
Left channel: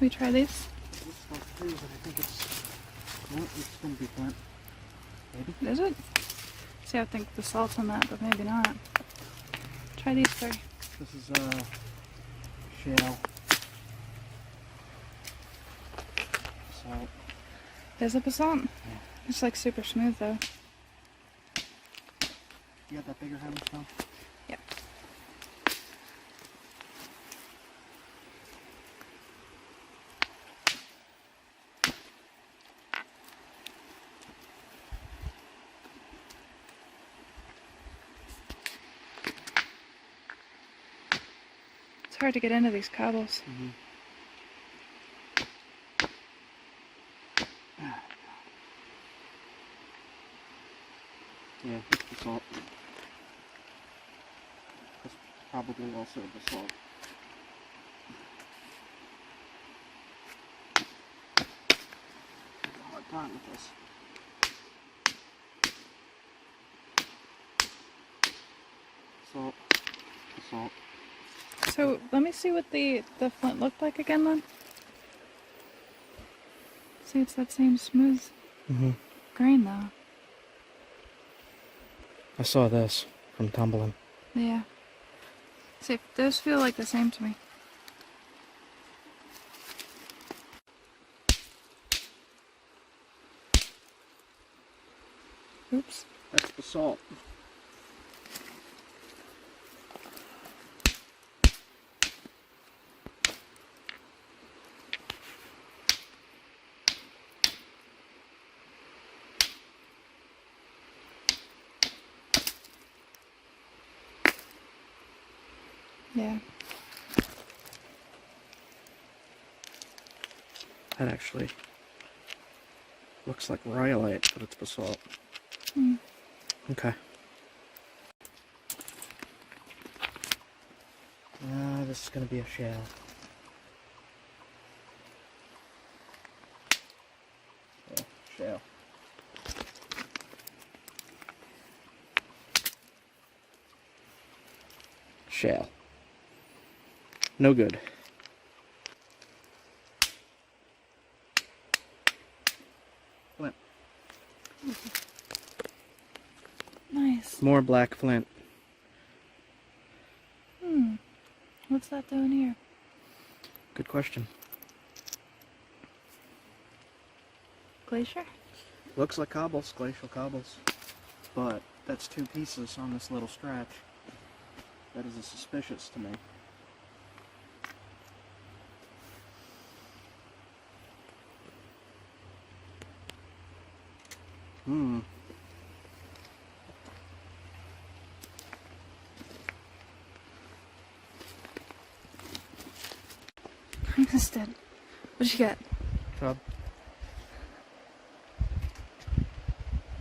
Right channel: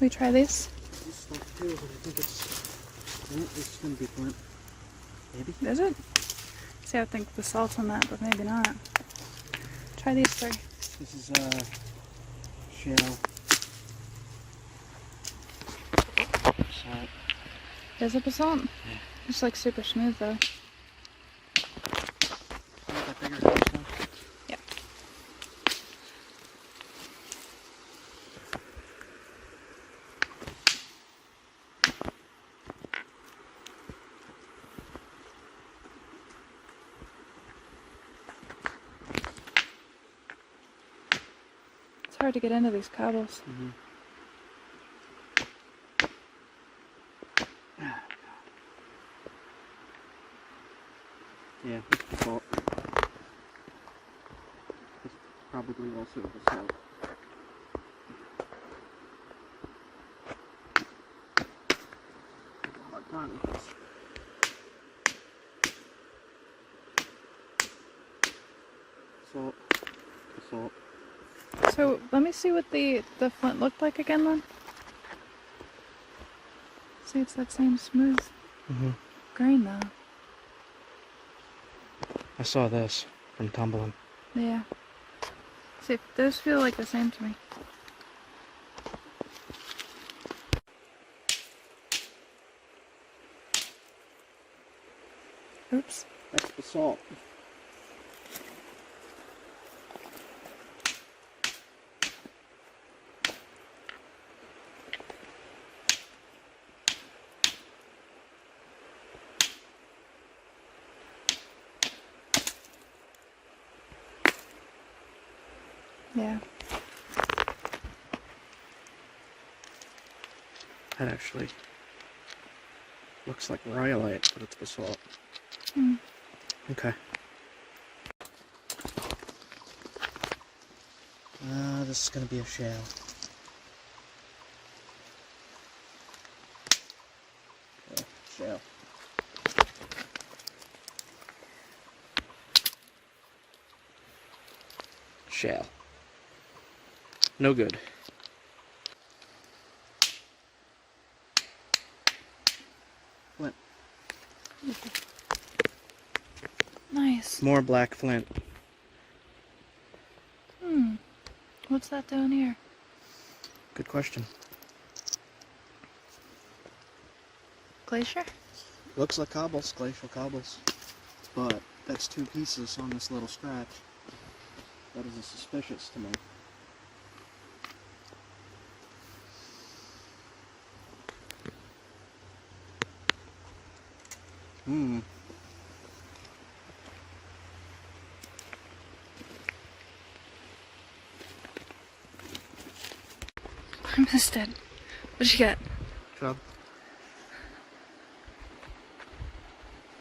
We try these? This stuff too, but I think it's... No, it's gonna be flint. Maybe? Is it? See, I think the salt's on that, but maybe not. Try these three. This is shell. Salt. Is it basalt? Yeah. It's like super smooth though. You want that bigger house now? Yeah. It's hard to get into these cobbles. Mm-hmm. Yeah, it's basalt. It's probably also basalt. I have a hard time with this. Salt. Basalt. So let me see what the flint looked like again then. See, it's that same smooth. Mm-hmm. green though. I saw this from tumbling. Yeah. See, those feel like the same to me. Oops. That's basalt. Yeah. That actually looks like rhyolite, but it's basalt. Hmm. Okay. This is gonna be a shale. Yeah, shale. Shale. No good. Flint. Nice. More black flint. What's that doing here? Good question. Glacier? Looks like cobbles, glacial cobbles. But that's 2 pieces on this little scratch. That is suspicious to me. I missed it. What'd you get? Chub.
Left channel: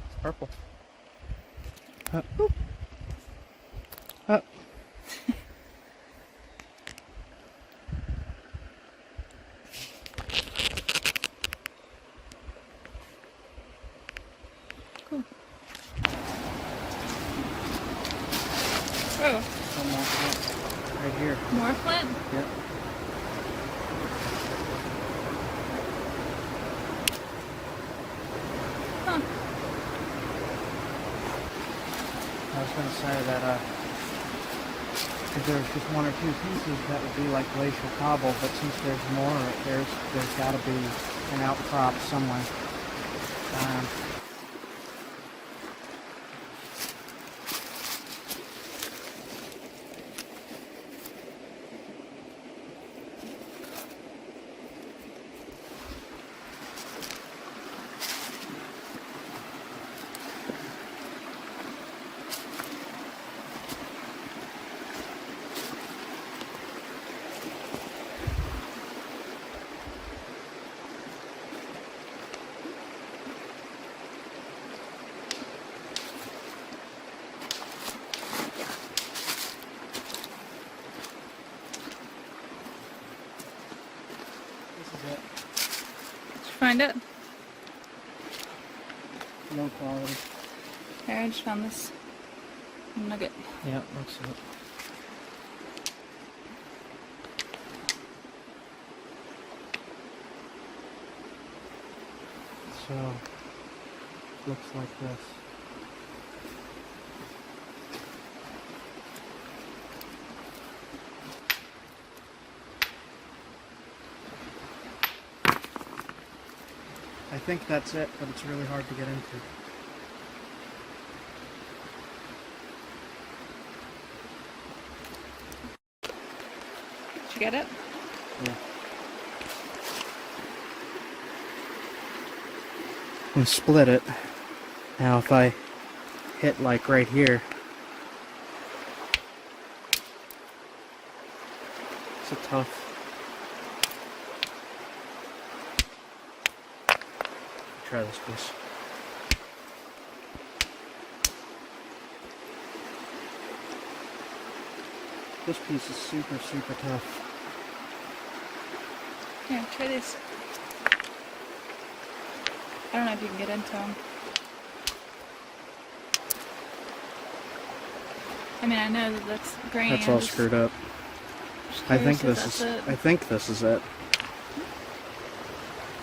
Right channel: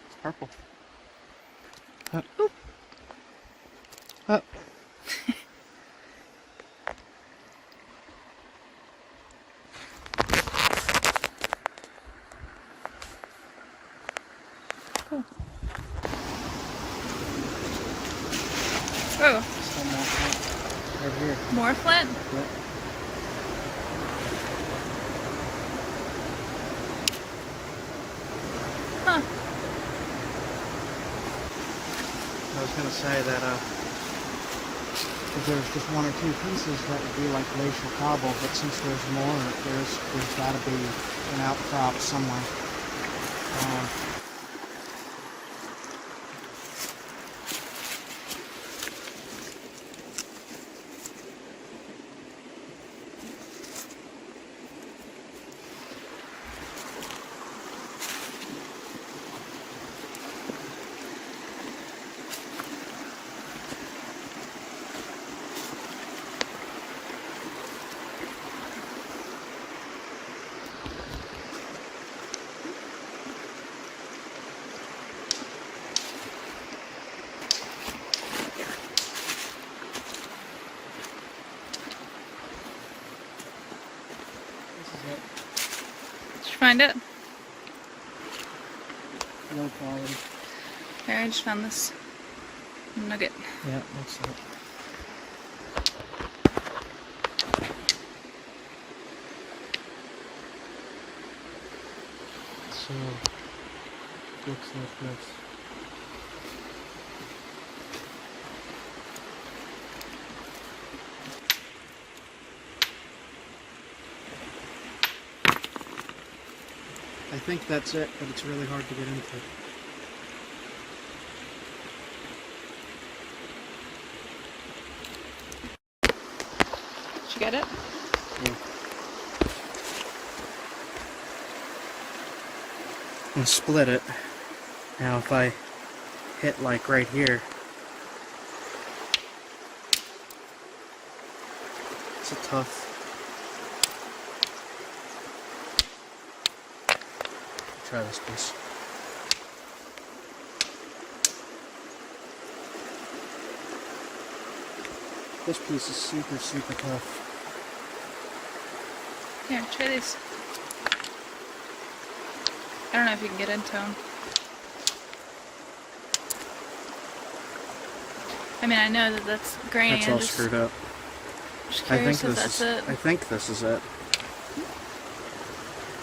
It's purple. Up. Boop. Up. Cool. Oh, Still more flint. Right here. more flint? Yep. Huh. I was going to say that, if there was just 1 or 2 pieces, that would be like glacial cobble, but since there's more, there's got to be an outcrop somewhere. Did you find it? Low quality. Here, I just found this nugget. Yeah, looks like it. So, looks like this. I think that's it, but it's really hard to get into. Did you get it? Yeah. And split it. Now if I hit like right here, it's a tough. Try this piece. This piece is super, super tough. Here, try these. I don't know if you can get into them. I mean, I know that that's grainy. That's all screwed up. Just I think curious if this that's is. it. I think this is it.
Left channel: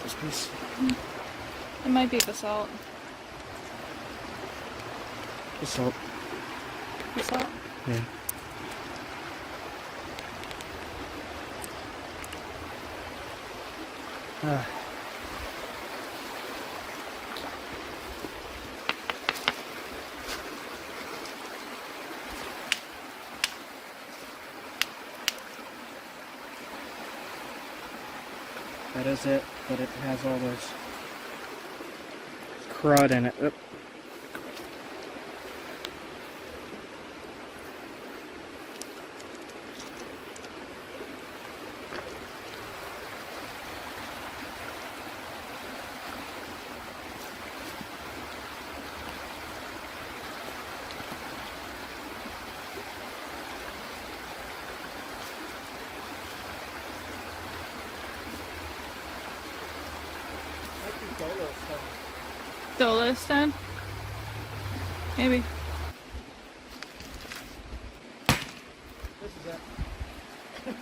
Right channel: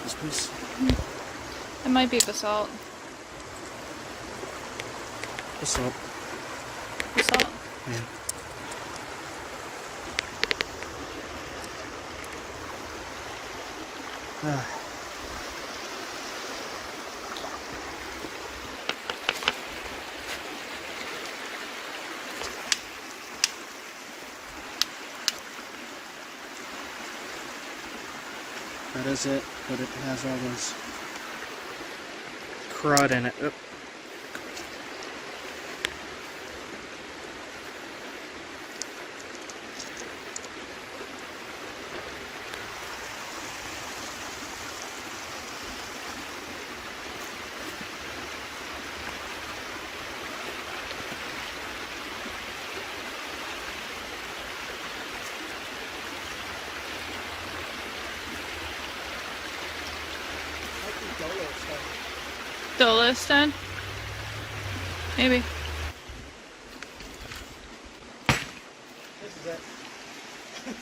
This piece. It might be basalt. The salt. The salt? Yeah. That is it, but it has all those crud in it. Oop. Dolo stone? Maybe. This is it. Did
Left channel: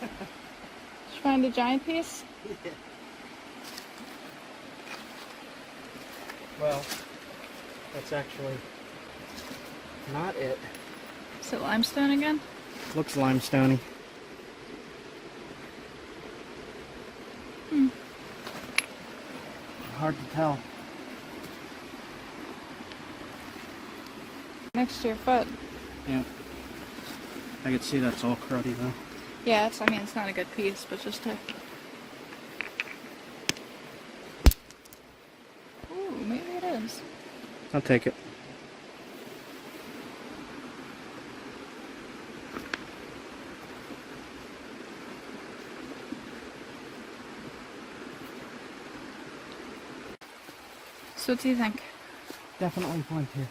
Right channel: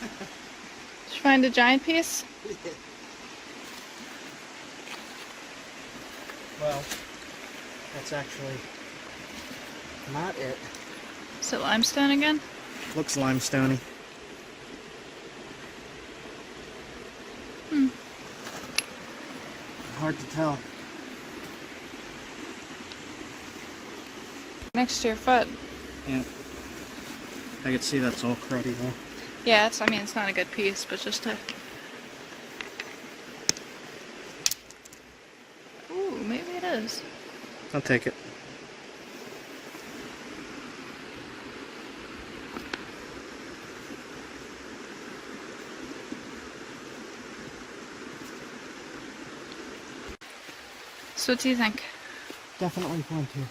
you find a giant piece? Well, that's actually not it. Is it limestone again? Looks limestoney. Hard to tell. Next to your foot. Yeah. I can see that's all cruddy though. Yeah, it's, I mean, it's not a good piece, but just to... Ooh, maybe it is. I'll take it. So what do you think? Definitely flinty.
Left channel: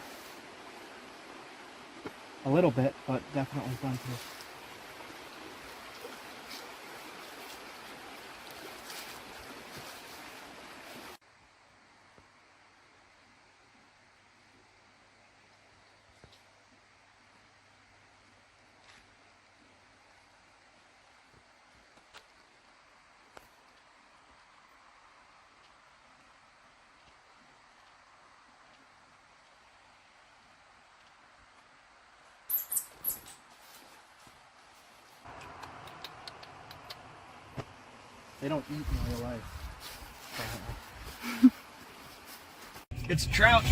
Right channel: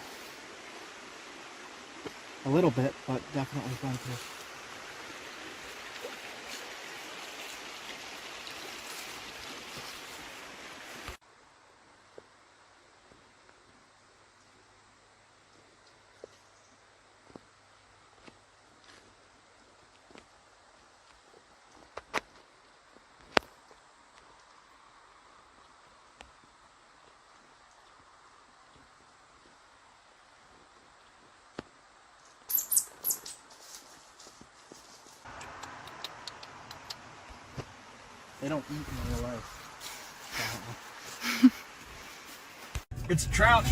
A little bit, but definitely flinty. They don't eat in real life. It's a trout.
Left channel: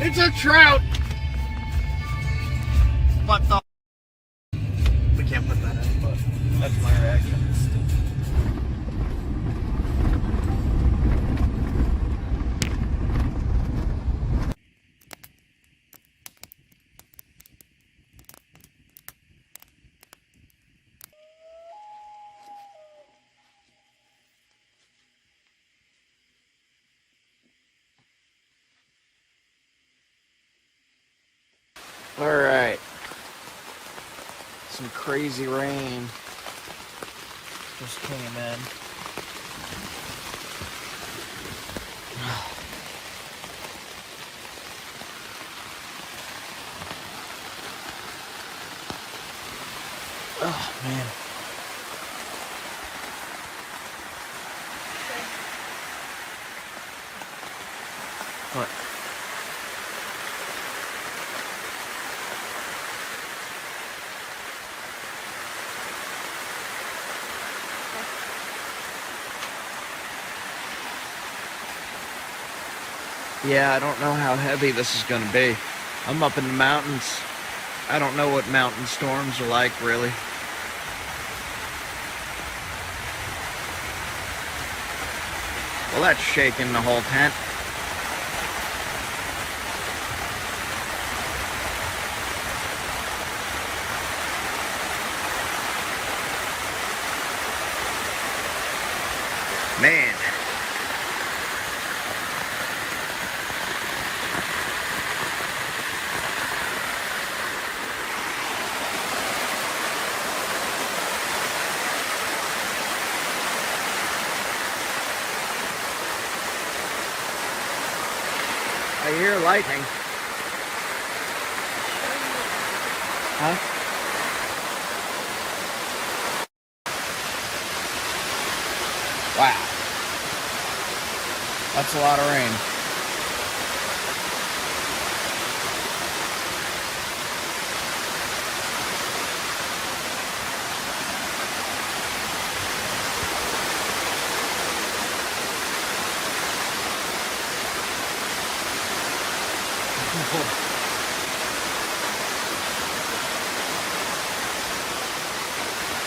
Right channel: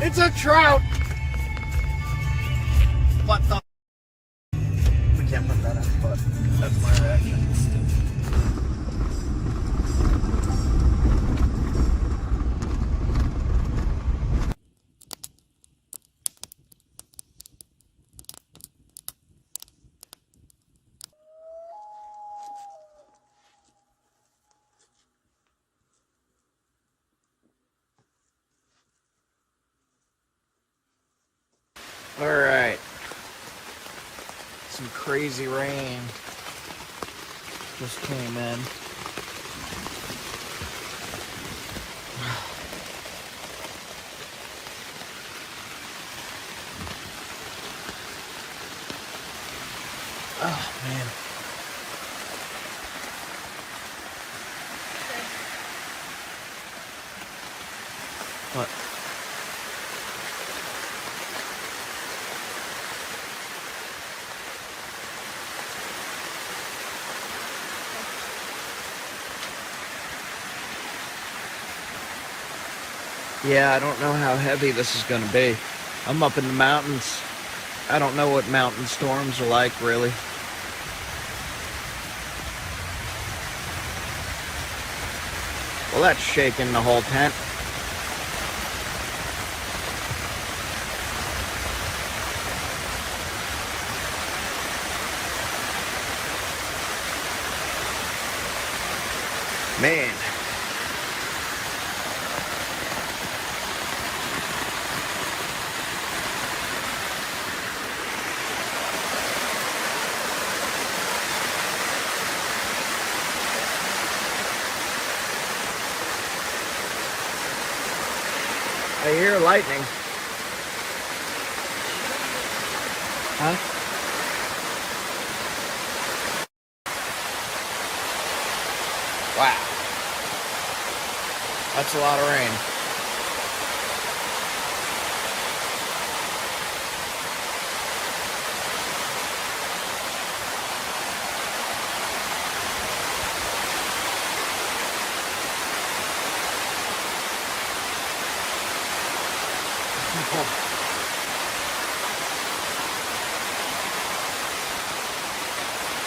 It's a trout. What the? We can't put that in, but that's my reaction. Alright. Some crazy rain just came in. Oh, man. What? Yeah, I don't know how heavy this is going to be. I'm up in the mountains. I don't know what mountain storms are like, really. Well, that's shaking the whole tent. Man. I hear lightning. Huh? Wow. That's a lot of rain.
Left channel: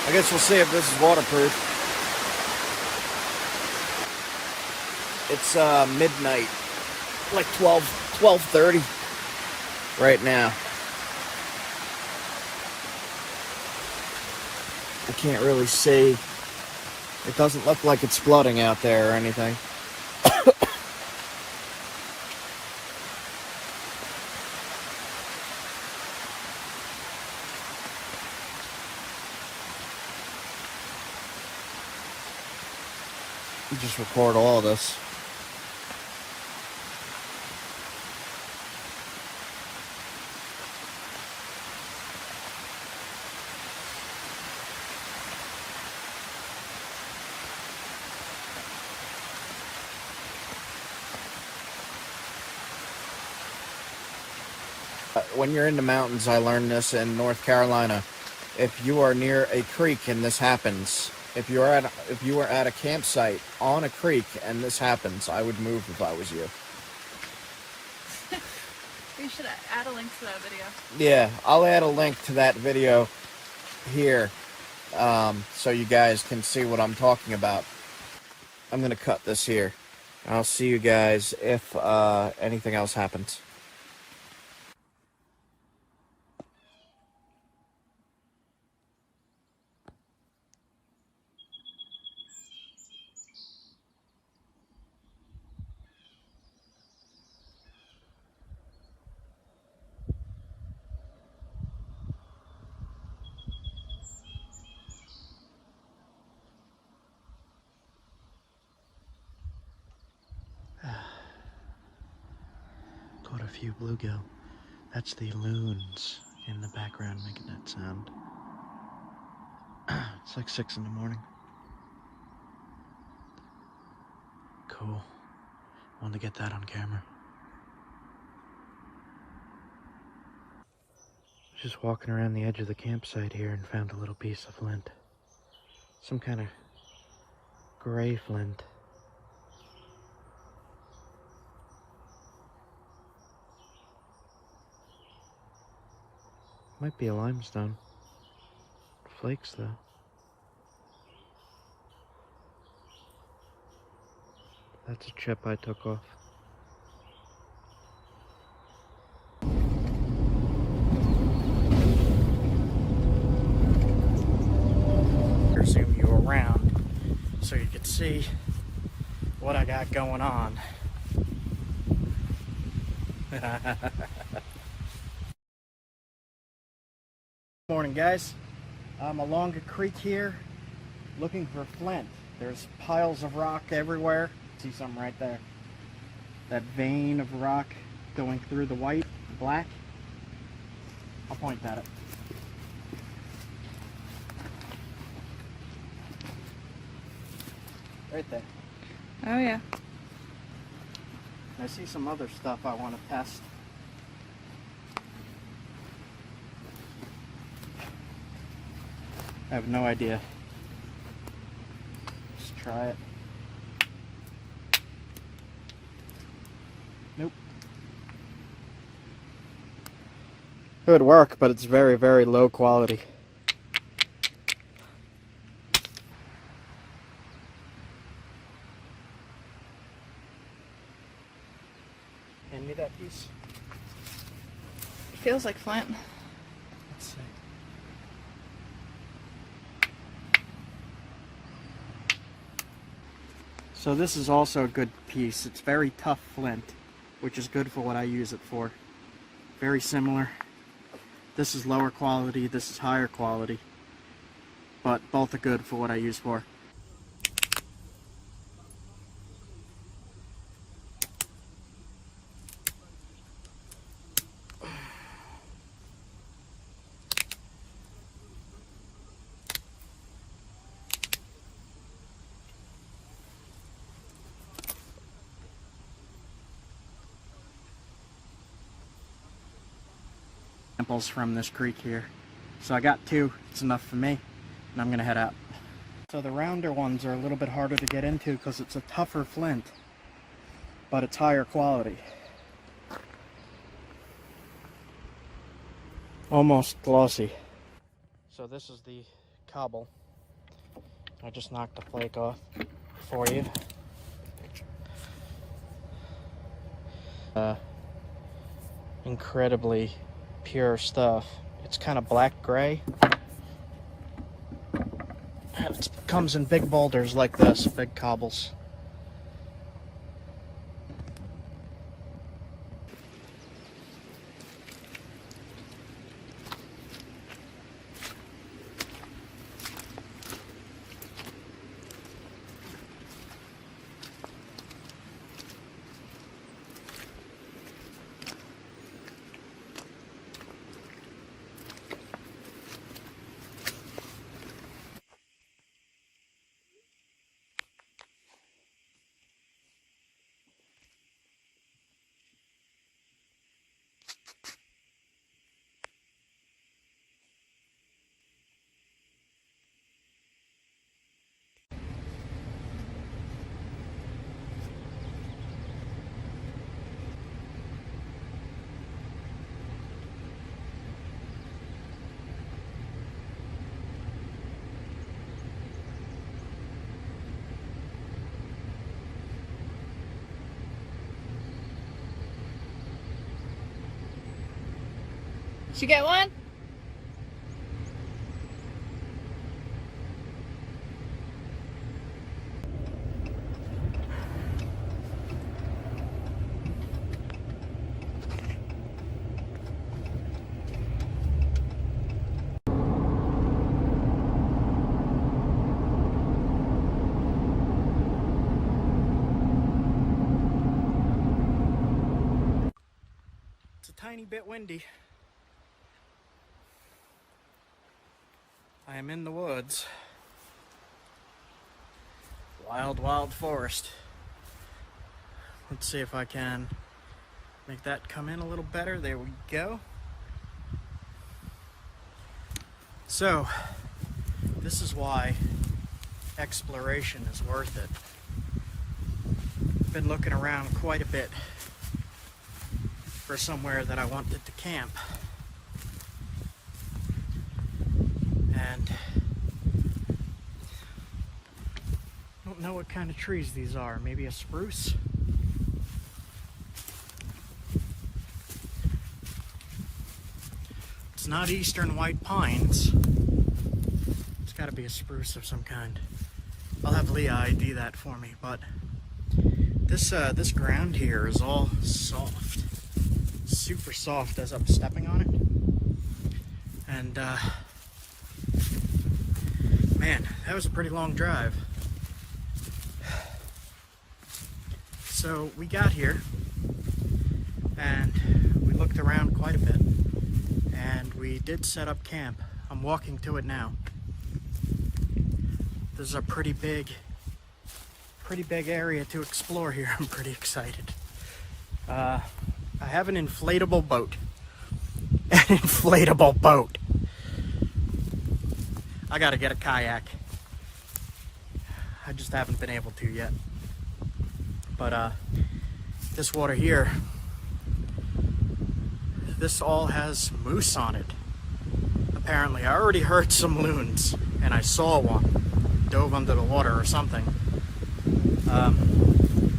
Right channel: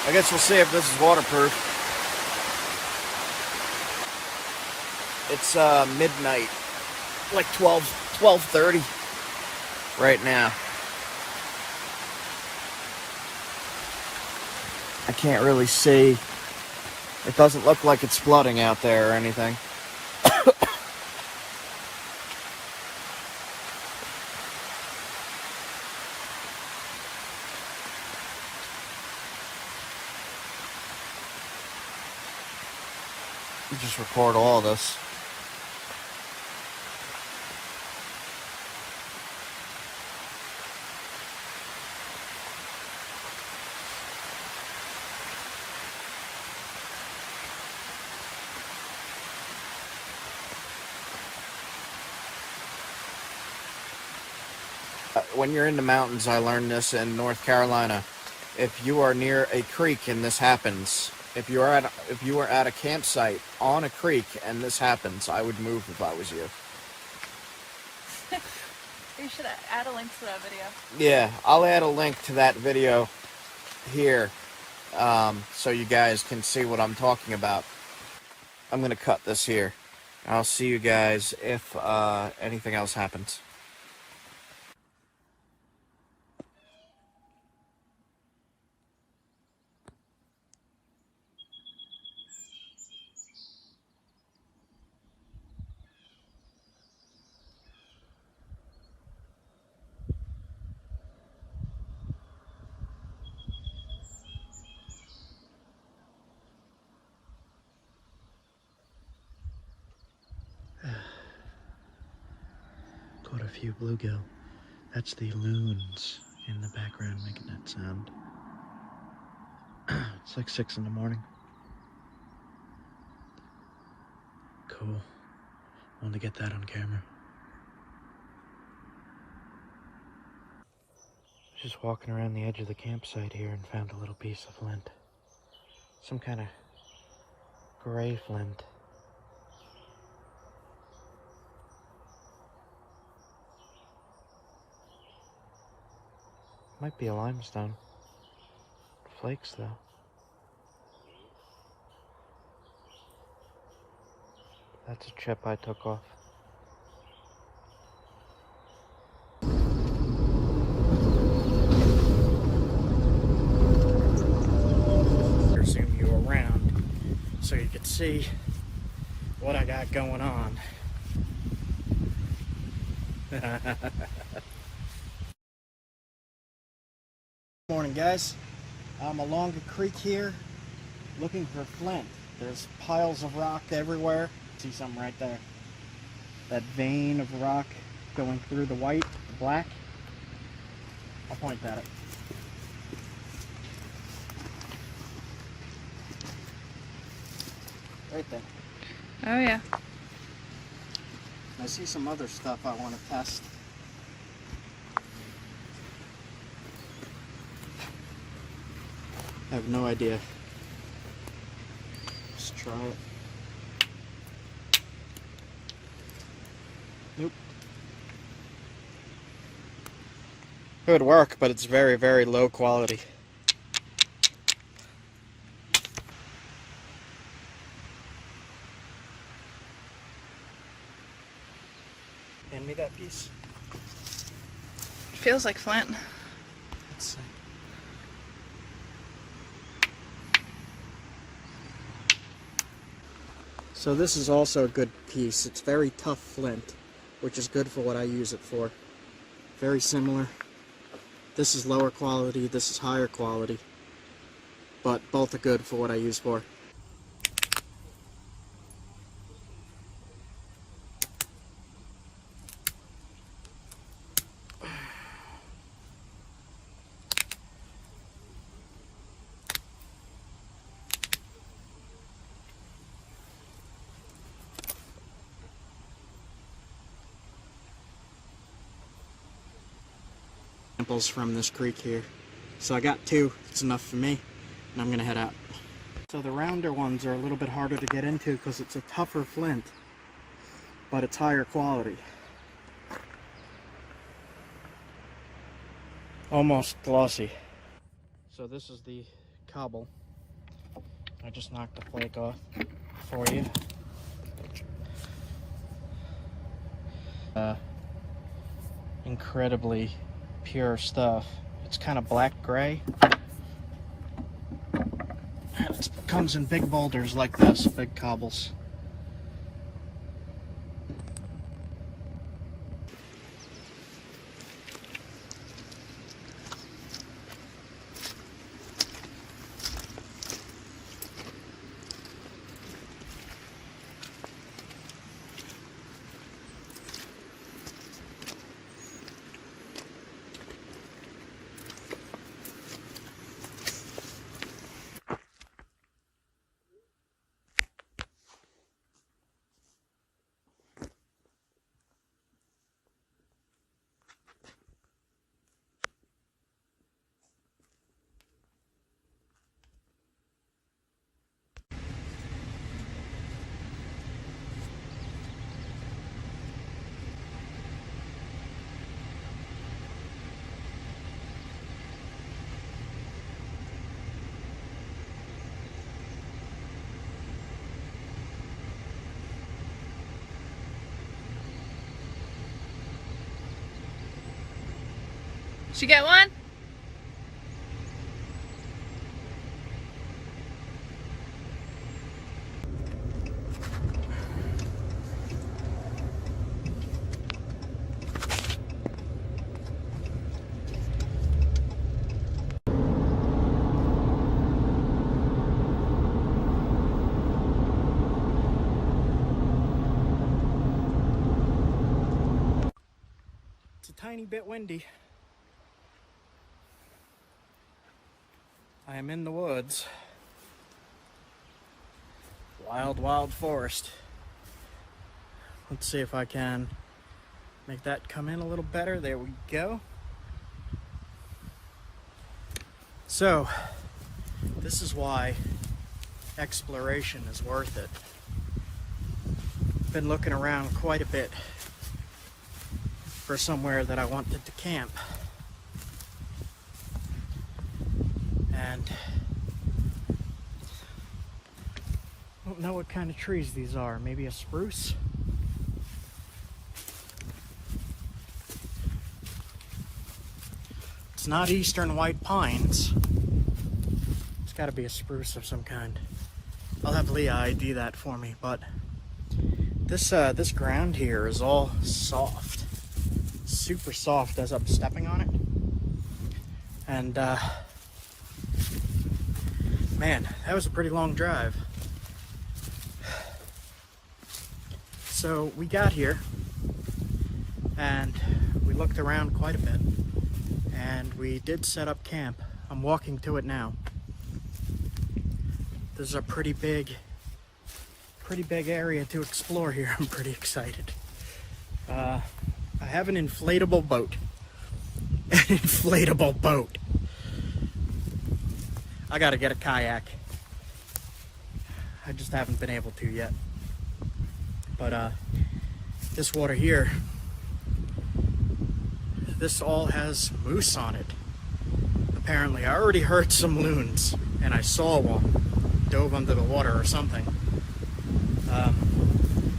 I guess we'll see if this is waterproof. It's midnight, like 12:30 right now. I can't really see. It doesn't look like it's flooding out there or anything. You just record all of this. When you're in the mountains, I learned this in North Carolina. If you are near a creek and this happens, if you are at a campsite on a creek and this happens, I would move if I was you. You should add a link to that video. Yeah, I'll add a link to that video here, so you guys can see what I'm talking about. I'm gonna cut this here. I'll see you guys if anything else happens. Caught a few bluegill. That's the loons in the background making that sound. It's like 6 in the morning. Cool. Wanted to get that on camera. Just walking around the edge of the campsite here and found a little piece of flint. Some kind of gray flint. Might be a limestone. Flakes though. That's a chip I took off. Zoom you around so you can see what I got going on. Morning, guys. I'm along a creek here looking for flint. There's piles of rock everywhere. See something right there. That vein of rock going through the white, the black. I'll point at it. Right there. Oh yeah. I see some other stuff I want to test. I have no idea. Let's try it. Nope. It would work, but it's very, very low quality. Hand me that piece. It feels like flint. Let's see. So this is also a good piece. It's very tough flint, which is good for what I use it for. Very similar. This is lower quality, this is higher quality, but both are good for what I use for. Samples from this creek here. So I got 2, it's enough for me, and I'm gonna head out. So the rounder ones are a little bit harder to get into because it's a tougher flint, but it's higher quality. almost glossy. So this is the cobble. I just knocked the flake off for you. Incredibly pure stuff. It's kind of black gray. And it comes in big boulders like this, big cobbles. Did you get one? It's a tiny bit windy. I am in the woods. Wild, wild forest. Let's see if I can make that come in a little better. There we go. So, this is why exploration is worth it. Been looking around quite a bit for somewhere that I wanted to camp. And I don't know what kind of trees these are. Maybe a spruce? It's not eastern white pines. It's got to be a spruce of some kind. I'll have Leah ID that for me, but this ground here is all soft. Super soft as I'm stepping on it. And man, that was a pretty long drive. So we got here and we looked around quite a bit and we did set up camp. I'm walking to it now. This is a pretty big area to explore here. I'm pretty excited. I have an inflatable boat. An inflatable boat. I gotta get a kayak. I just haven't been able to yet. But this water here, this all has moose on it. Apparently, I already heard some loons, and I saw one. Dove under the water or something.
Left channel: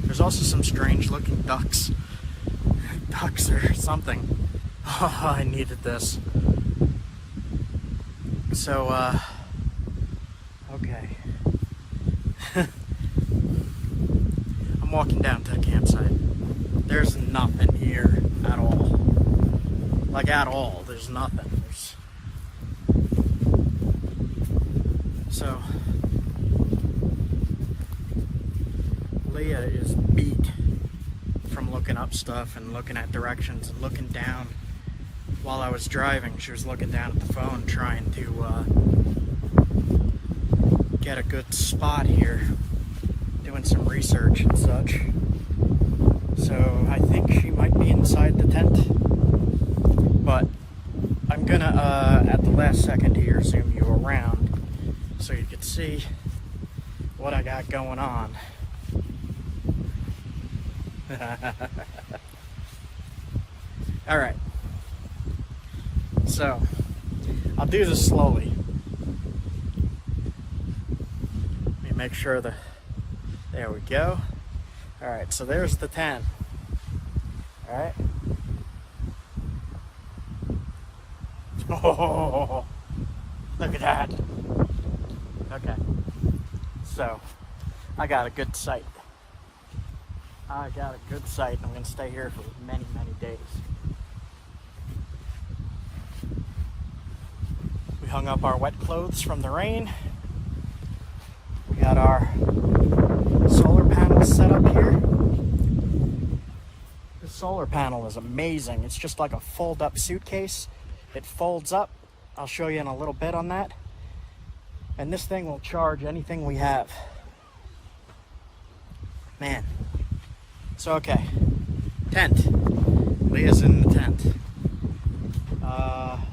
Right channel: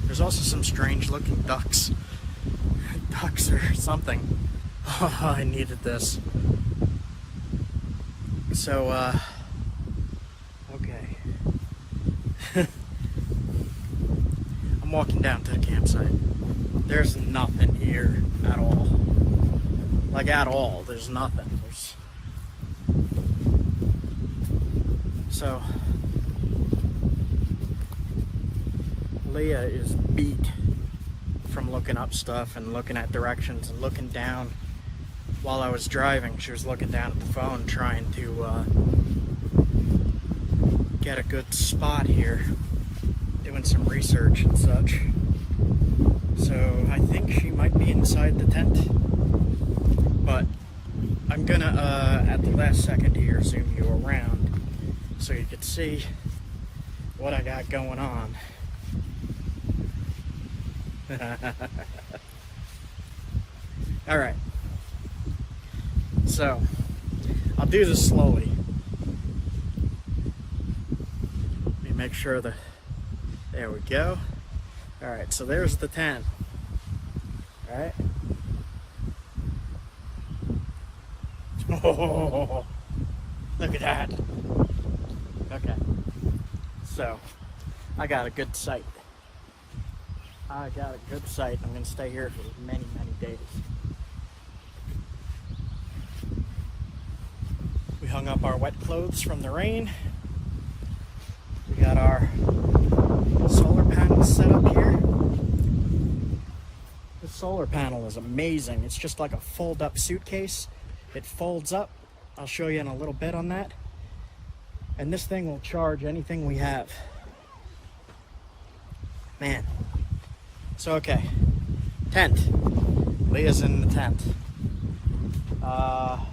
There's also some strange looking ducks. Ducks or something. Oh, I needed this. So, okay. I'm walking down to the campsite. There's nothing here at all. Like at all, there's nothing. So, Leah is beat from looking up stuff and looking at directions and looking down. While I was driving, she was looking down at the phone trying to get a good spot here, doing some research and such. So I think she might be inside the tent, but I'm gonna at the last second here zoom you around so you can see what I got going on. All right. So, I'll do this slowly. Let me make sure there we go. Alright, so there's the 10. Alright. Oh, look at that. Okay. So, I got a good sight. I'm going to stay here for many, many days. We hung up our wet clothes from the rain. We got our solar panel set up here. This solar panel is amazing. It's just like a fold-up suitcase. It folds up. I'll show you in a little bit on that. And this thing will charge anything we have. Man. So, okay. Tent. Leah's in the tent.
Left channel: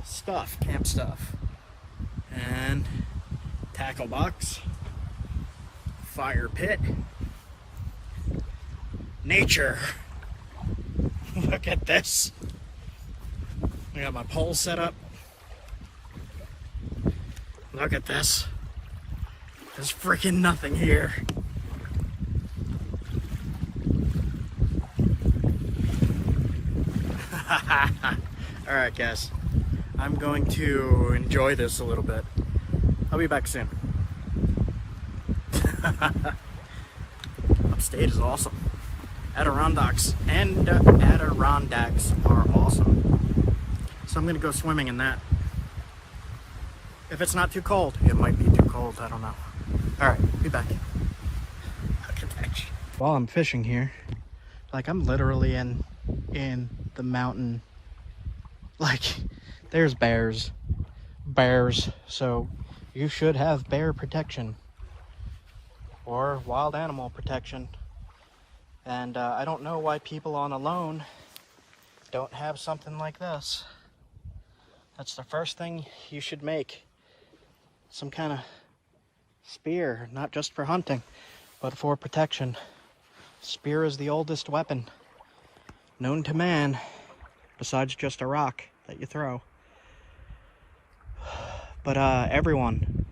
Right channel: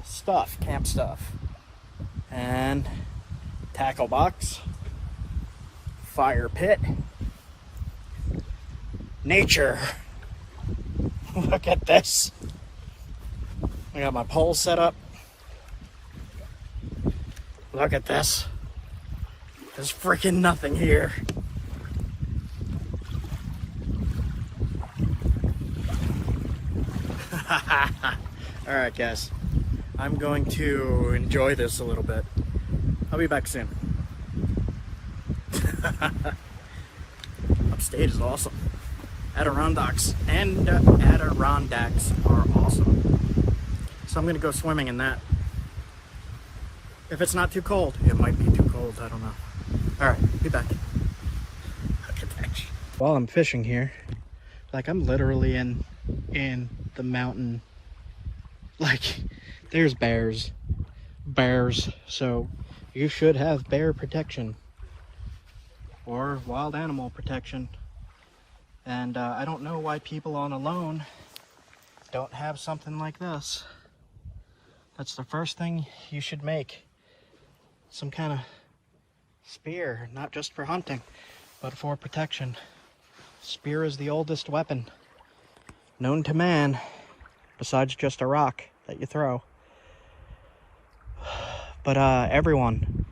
Stuff. Camp stuff. And tackle box. Fire pit. Nature. Look at this. I got my pole set up. Look at this. There's freaking nothing here. Alright guys, I'm going to enjoy this a little bit. I'll be back soon. Upstate is awesome. Adirondacks are awesome. So I'm gonna go swimming in that. If it's not too cold. It might be too cold, I don't know. Alright, be back. Look at that shit. While I'm fishing here, like I'm literally in the mountain. Like, there's bears. So you should have bear protection. Or wild animal protection. And I don't know why people on alone don't have something like this. That's the first thing you should make. Some kind of spear, not just for hunting, but for protection. Spear is the oldest weapon known to man, besides just a rock that you throw. But everyone,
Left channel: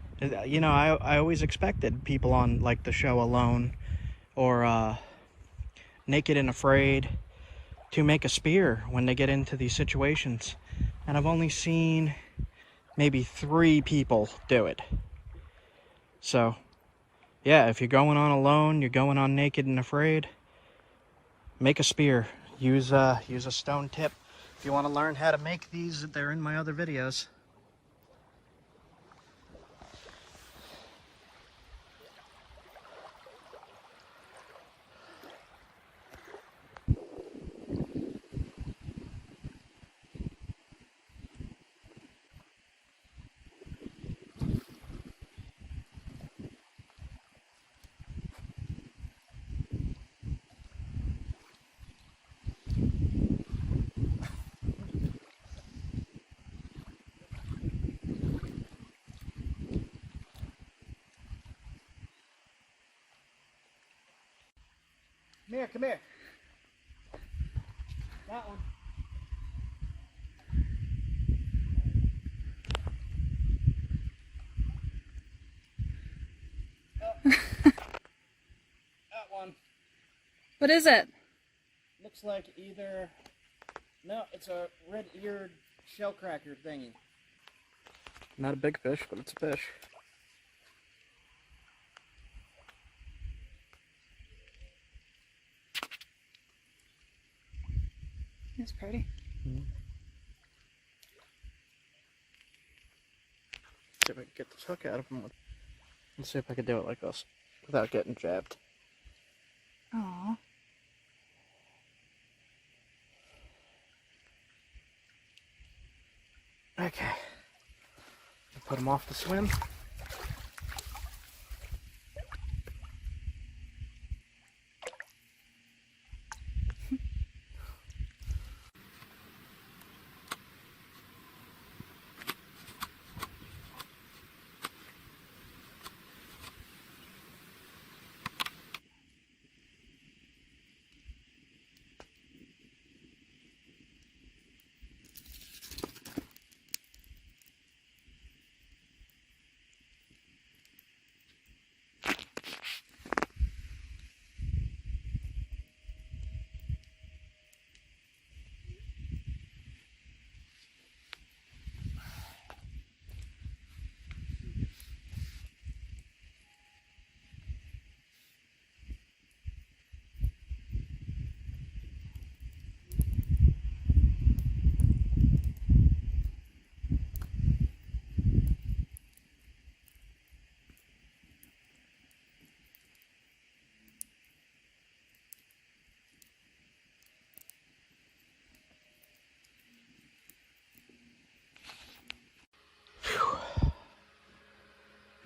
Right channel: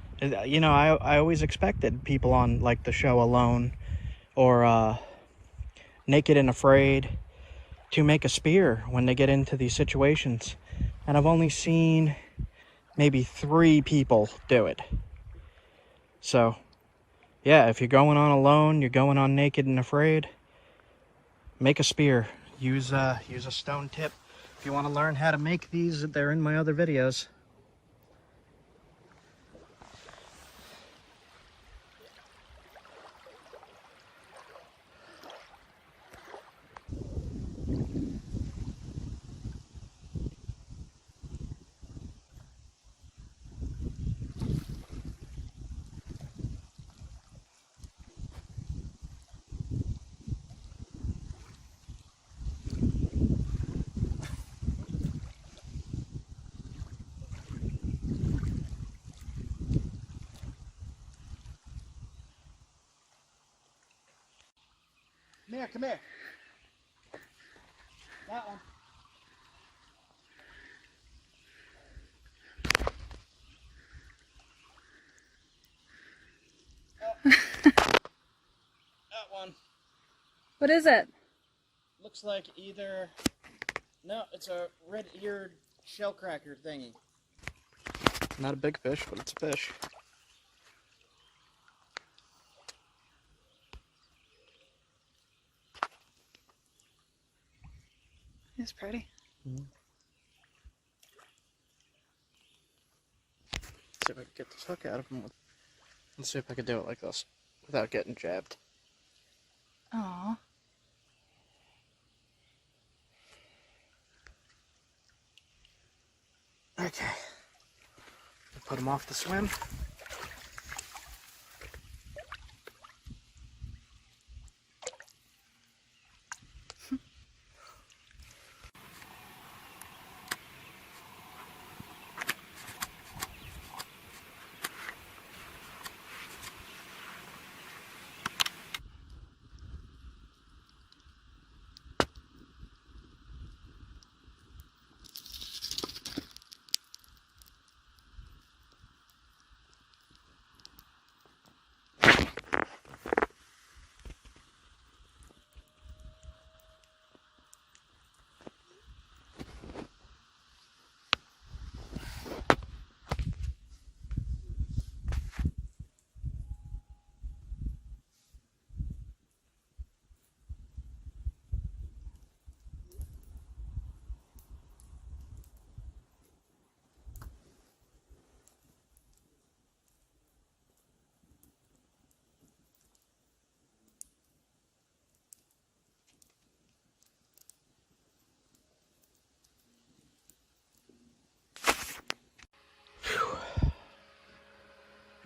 you know, I always expected people on like the show Alone or Naked and Afraid to make a spear when they get into these situations. And I've only seen maybe 3 people do it. So, yeah, if you're going on Alone, you're going on Naked and Afraid, make a spear. Use a stone tip. If you want to learn how to make these, they're in my other videos. Come here. That one. That one. What is it? Looks like either... No, it's a red-eared shellcracker thingy. Not a big fish, but it's a fish. It's pretty. Mm-hmm. See if I can get this hook out of him. Let's see if I can do it like this without getting jabbed. Aww. Okay. I'll put him off the swim.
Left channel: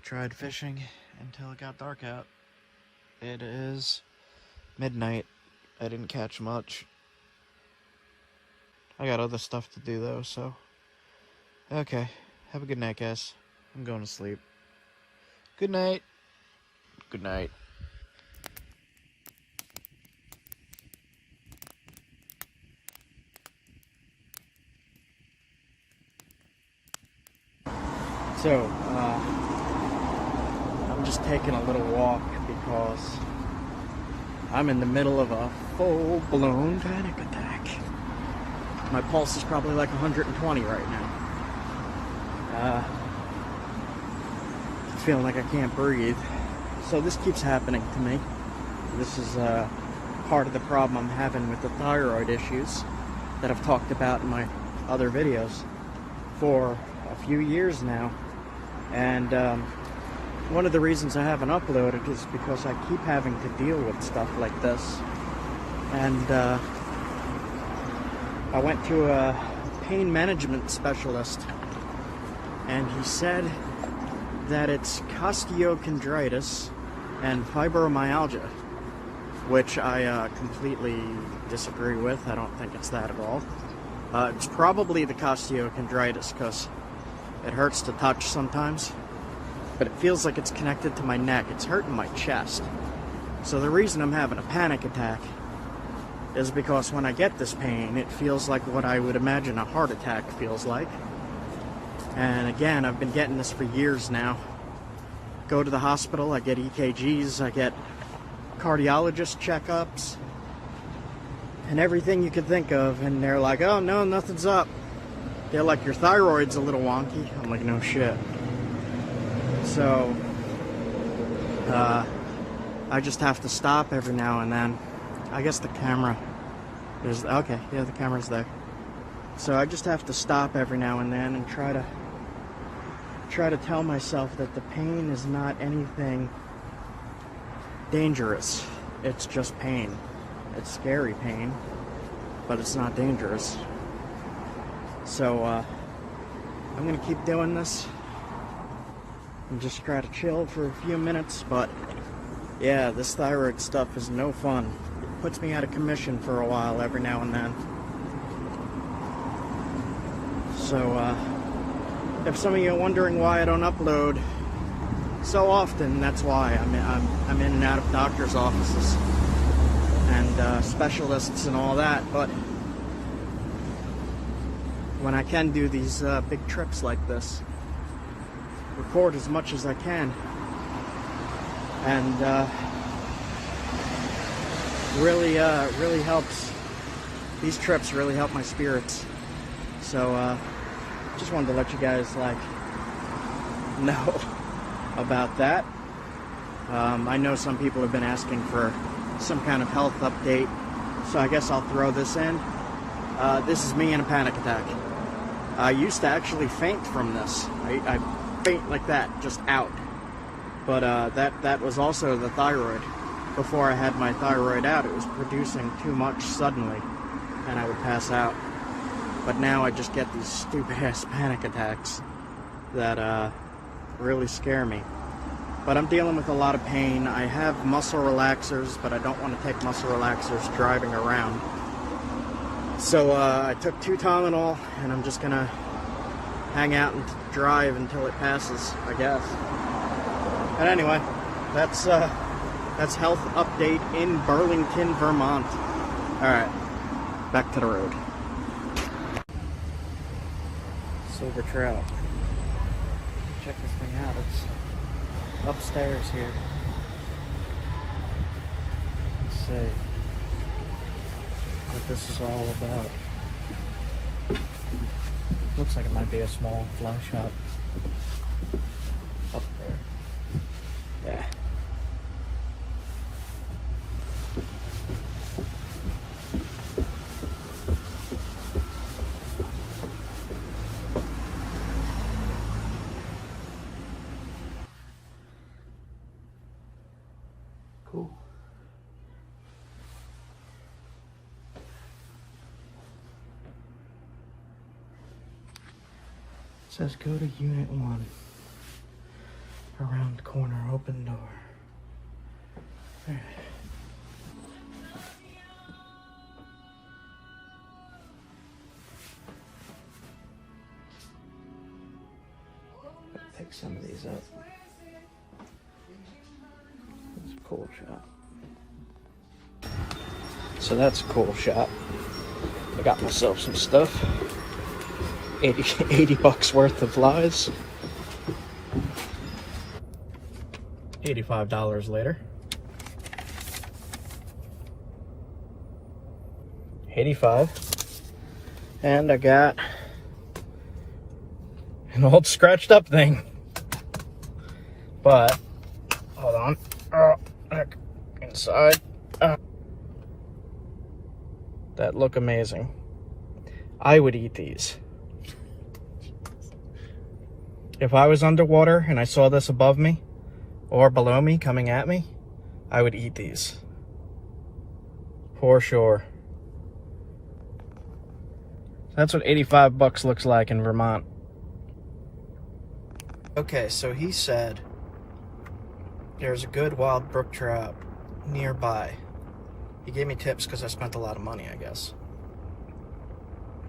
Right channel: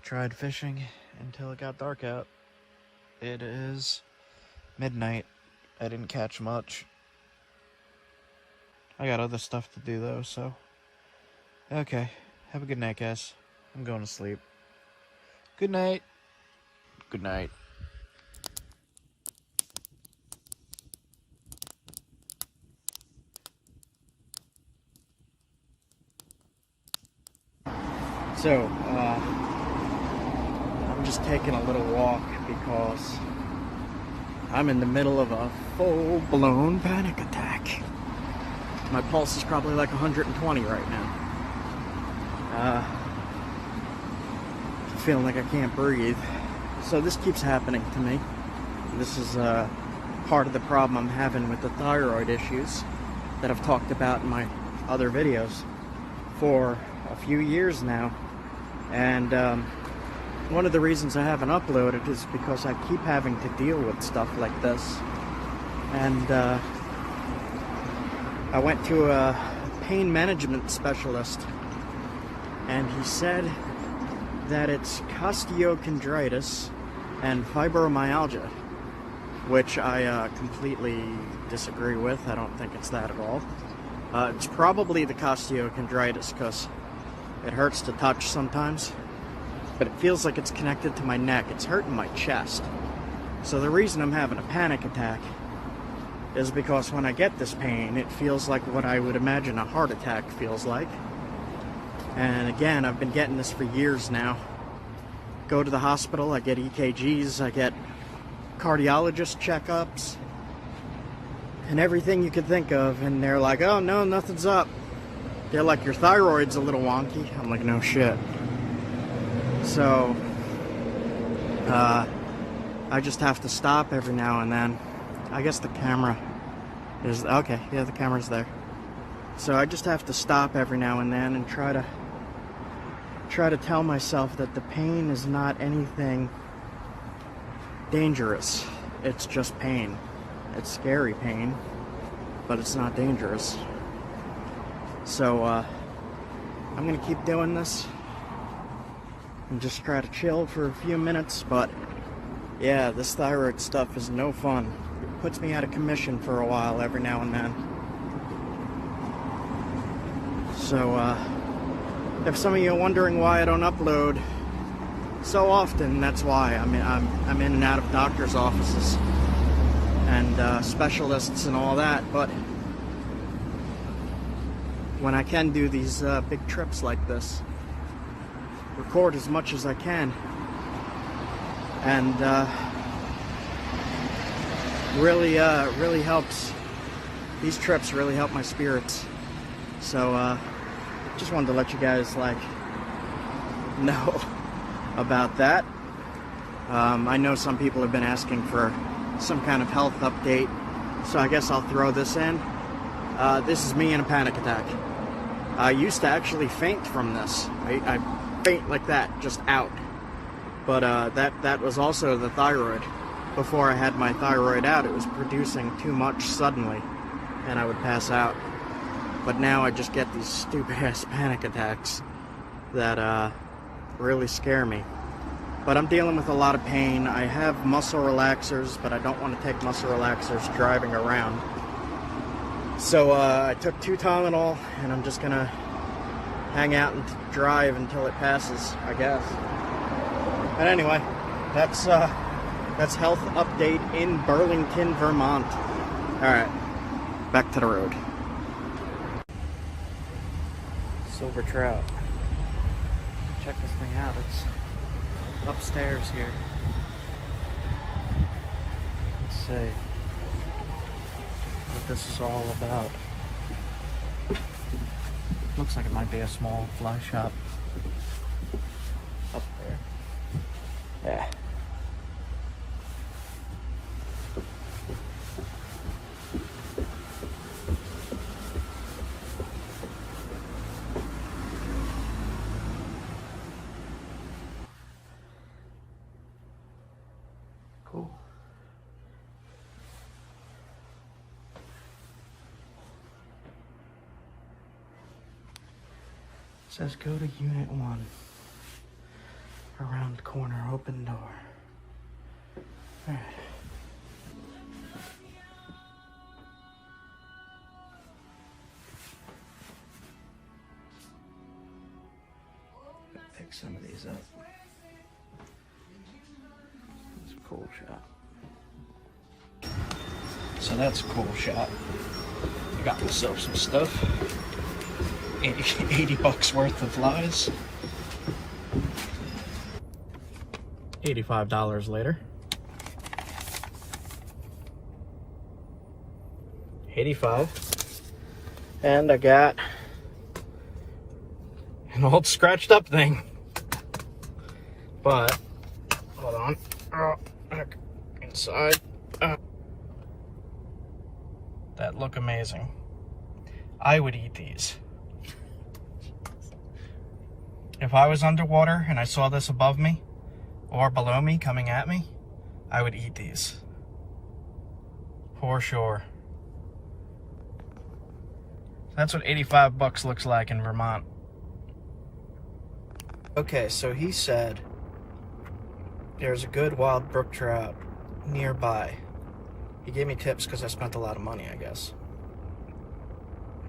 tried fishing until it got dark out. It is midnight. I didn't catch much. I got other stuff to do though, so. Okay. Have a good night, guys. I'm going to sleep. Good night. Good night. So, I'm just taking a little walk because I'm in the middle of a full-blown panic attack. My pulse is probably like 120 right now. Feeling like I can't breathe. So this keeps happening to me. This is part of the problem I'm having with the thyroid issues that I've talked about in my other videos for a few years now. And one of the reasons I haven't uploaded is because I keep having to deal with stuff like this. And I went to a pain management specialist, and he said that it's costochondritis and fibromyalgia, which I completely disagree with. I don't think it's that at all. It's probably the costochondritis because it hurts to touch sometimes, but it feels like it's connected to my neck. It's hurting my chest. So the reason I'm having a panic attack is because when I get this pain, it feels like what I would imagine a heart attack feels like. And again, I've been getting this for years now. Go to the hospital, I get EKGs, I get cardiologist checkups, and everything you could think of, and they're like, oh no, nothing's up. They're like, your thyroid's a little wonky. I'm like, no shit. So, I just have to stop every now and then. I guess the camera is, okay, yeah, the camera's there. So I just have to stop every now and then and try to tell myself that the pain is not anything dangerous. It's just pain. It's scary pain, but it's not dangerous. So, I'm gonna keep doing this and just try to chill for a few minutes, but yeah, this thyroid stuff is no fun. It puts me out of commission for a while every now and then. So, if some of you are wondering why I don't upload so often, that's why. I'm in and out of doctor's offices and specialists and all that, but when I can do these big trips like this, record as much as I can, and really helps. These trips really help my spirits. So just wanted to let you guys know about that. I know some people have been asking for some kind of health update, so I guess I'll throw this in. This is me in a panic attack. I used to actually faint from this. I faint like that, just out. But that was also the thyroid. Before I had my thyroid out, it was producing too much suddenly, and I would pass out. But now I just get these stupid-ass panic attacks that really scare me. But I'm dealing with a lot of pain. I have muscle relaxers, but I don't want to take muscle relaxers driving around. So I took 2 Tylenol, and I'm just gonna hang out and drive until it passes, I guess. And anyway, that's health update in Burlington, Vermont. All right, back to the road. Silver trout. Check this thing out. It's upstairs here. Let's see what this is all about. Looks like it might be a small fly shop up there. Yeah. Cool. It says go to Unit 1. Around the corner, open door. Pick some of these up. That's a cool shot. So that's a cool shot. I got myself some stuff. 80 bucks worth of flies. $85 later. 85. And I got an old scratched up thing. But, hold on. Oh, look inside. That look amazing. I would eat these. If I was underwater and I saw this above me or below me coming at me, I would eat these. For sure. That's what 85 bucks looks like in Vermont. Okay, so he said there's a good wild brook trout nearby. He gave me tips because I spent a lot of money, I guess.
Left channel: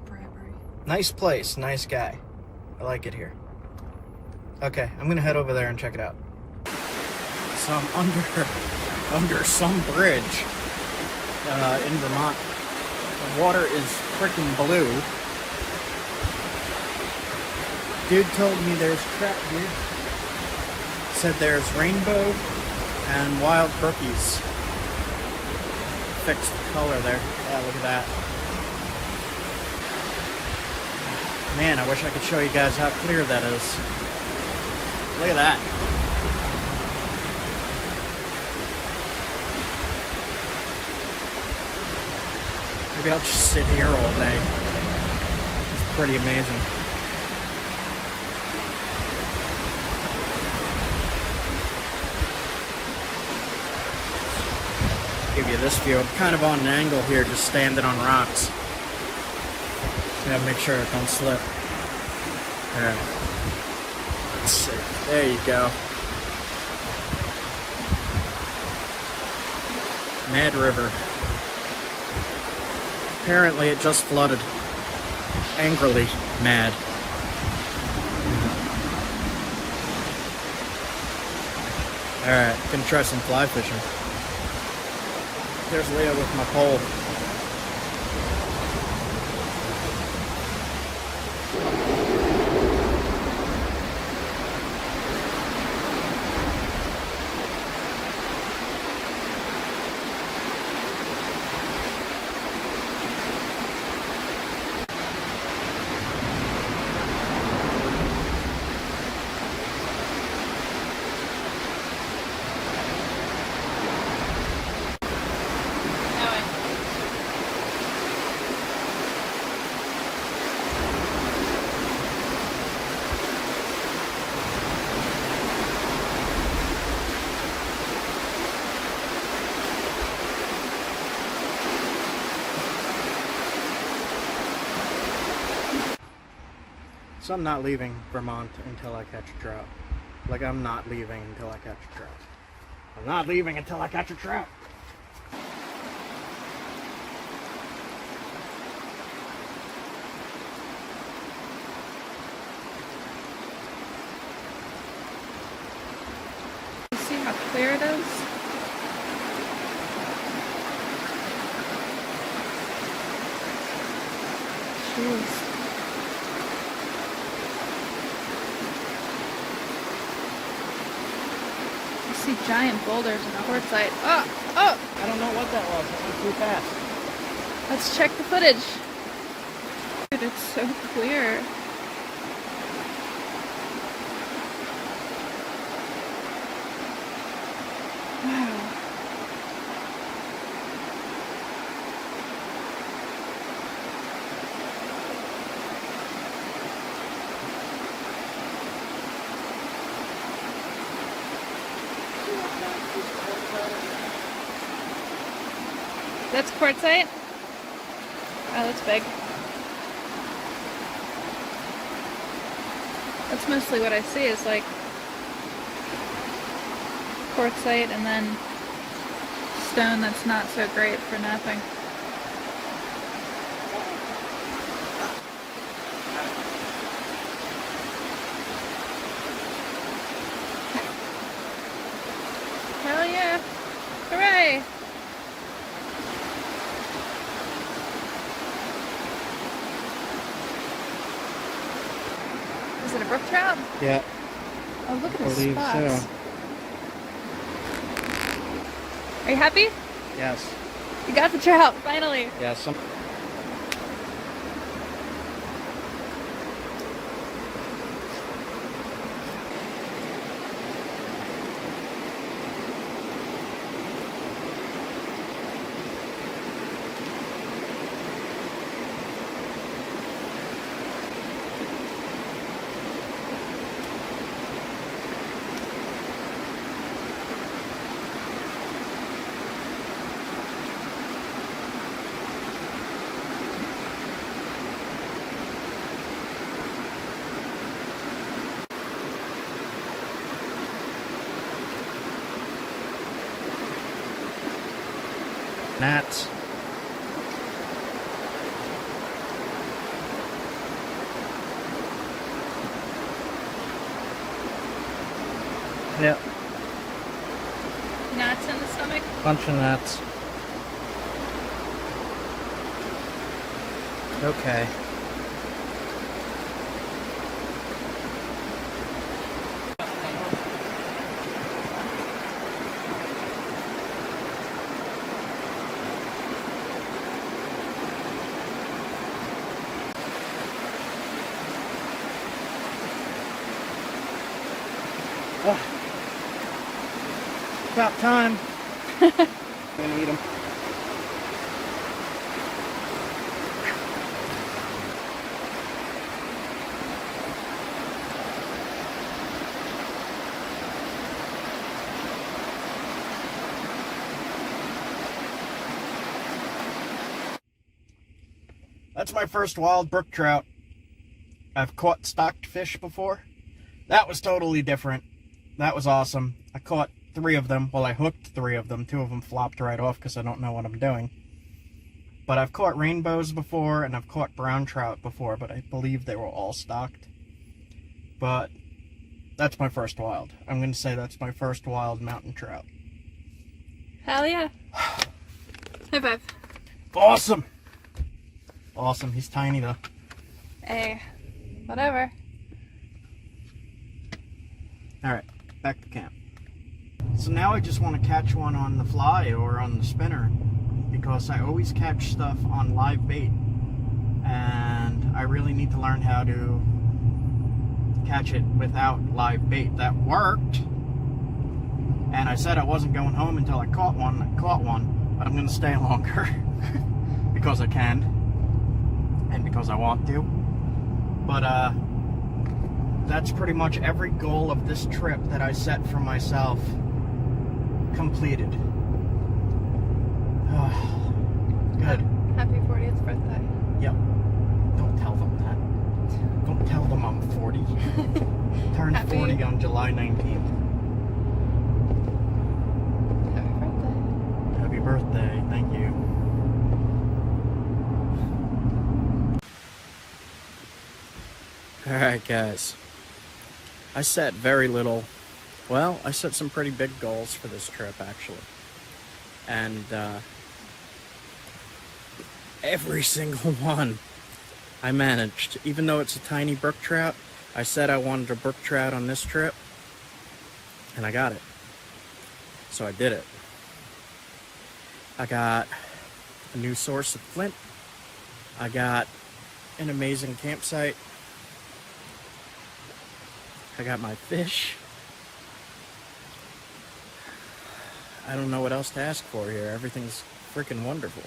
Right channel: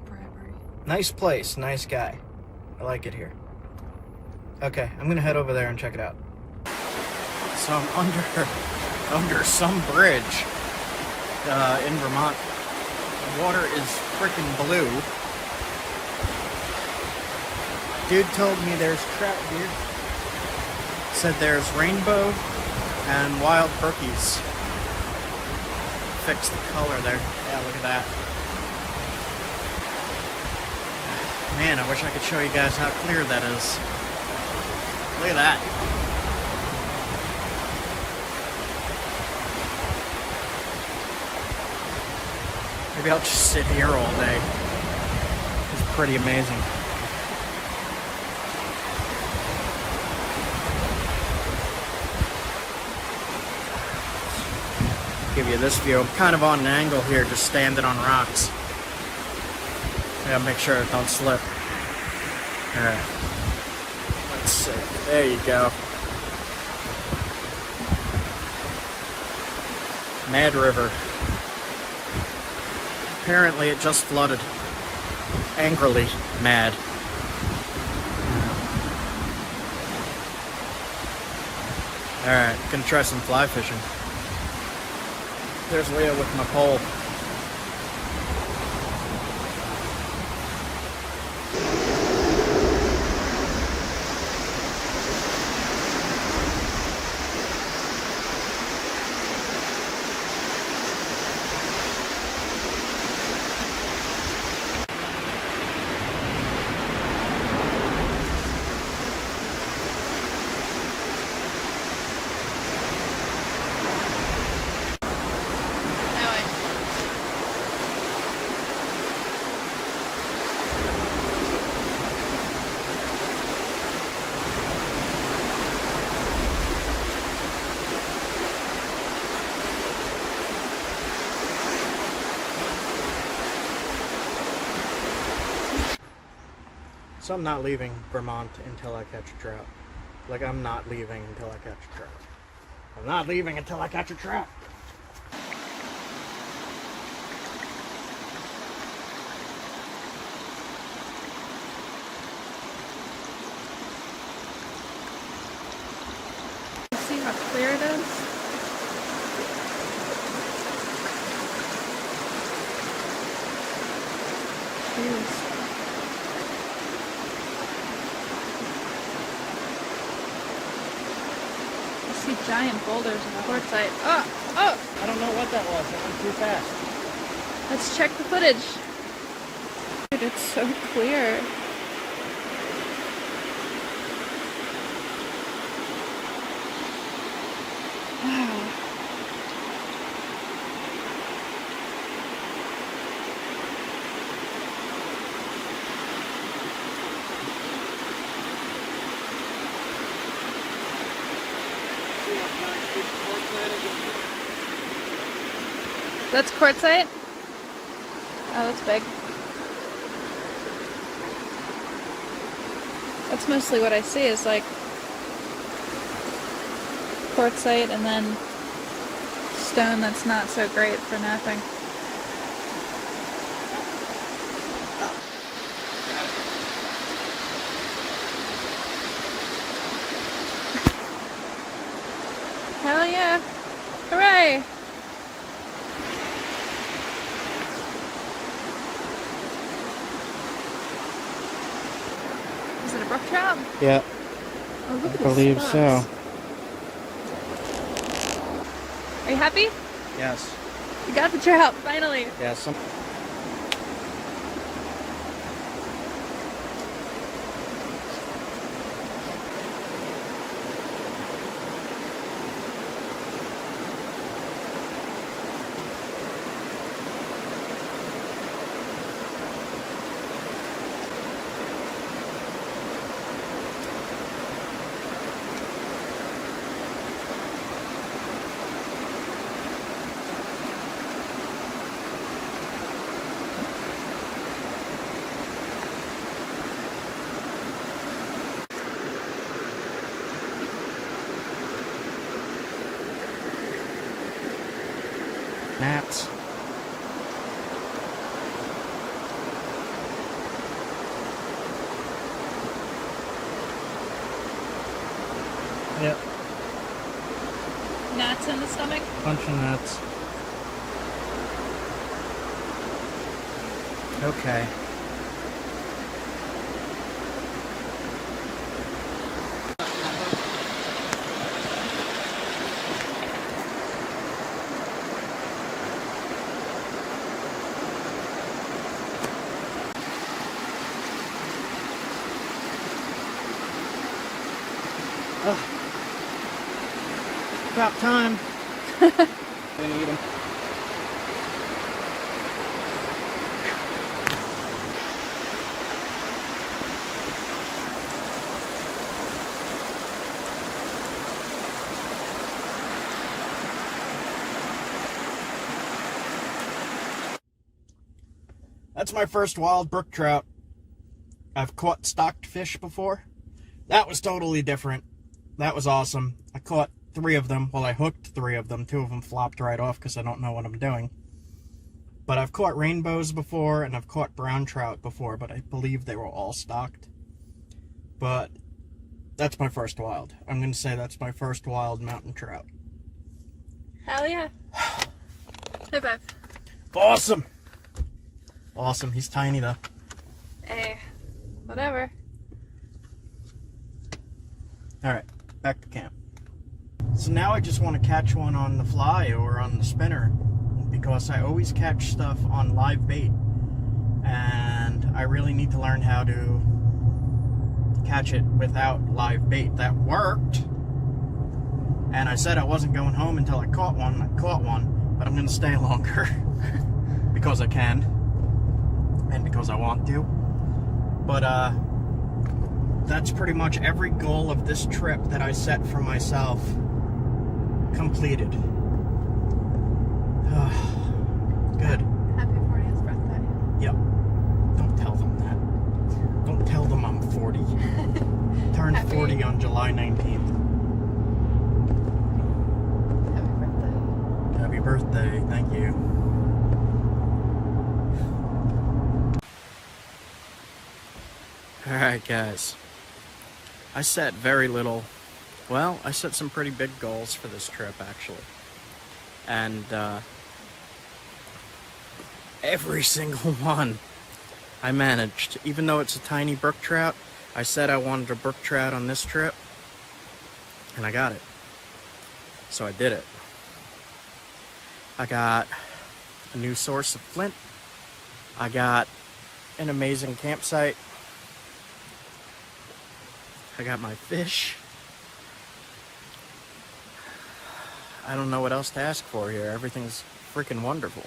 Bribery. Nice place, nice guy. I like it here. Okay, I'm gonna head over there and check it out. So I'm under some bridge in Vermont. The water is freaking blue. Dude told me there's trout here. Said there's rainbow and wild brookies. Fix the color there. Yeah, look at that. Man, I wish I could show you guys how clear that is. Look at that. Maybe I'll just sit here all day. It's pretty amazing. Give you this view. I'm kind of on an angle here, just standing on rocks. Yeah, make sure it don't slip. Alright. Let's see. There you go. Mad River. Apparently it just flooded. Angrily mad. Alright, gonna try some fly fishing. Here's Leah with my pole. So I'm not leaving Vermont until I catch a trout. Like, I'm not leaving until I catch a trout. I'm not leaving until I catch a trout. See how clear it is? Jeez. I see giant boulders in the quartzite. Oh! Oh! I don't know what that was. That went too fast. Let's check the footage. Dude, it's so clear. Wow. That's quartzite? Oh, that's big. That's mostly what I see is like quartzite and then stone that's not so great for napping. Hell yeah! Hooray! Is it a brook trout? Yeah, Oh, look at I the believe spots. so. Are you happy? Yes. You got the trout, finally. Yeah, some. Gnats. Yep, Gnats in the stomach? bunch of gnats. Okay. Oh. About time. I'm gonna eat them. That's my first wild brook trout. I've caught stocked fish before. That was totally different. That was awesome. I caught 3 of them. Well, I hooked 3 of them. 2 of them flopped right off because I don't know what I'm doing. But I've caught rainbows before, and I've caught brown trout before, but I believe they were all stocked. But that's my first wild. I'm going to say that's my first wild mountain trout. Hell yeah. High five. Awesome! Awesome. He's tiny, though. Hey, whatever. Alright, back to camp. So now I just want to catch one on the fly or on the spinner, because I always catch stuff on live bait, and I really need to learn how to catch it without live bait. That worked, and I said I wasn't going home until I caught one. I caught one, but I'm going to stay longer because I can and because I want to. But that's pretty much every goal of this trip that I set for myself completed. Good. Happy 40th birthday. Yep. Don't tell them that. Don't tell them I'm 40. Turned 40 on July 19th. Happy birthday. Happy birthday. Thank you. Alright, guys. I set very little. Well, I set some pretty big goals for this trip, actually. And every single one I managed. Even though it's a tiny brook trout, I said I wanted a brook trout on this trip, and I got it. So I did it. I got a new source of flint. I got an amazing campsite. I got my fish. I don't know what else to ask for here. Everything's freaking wonderful.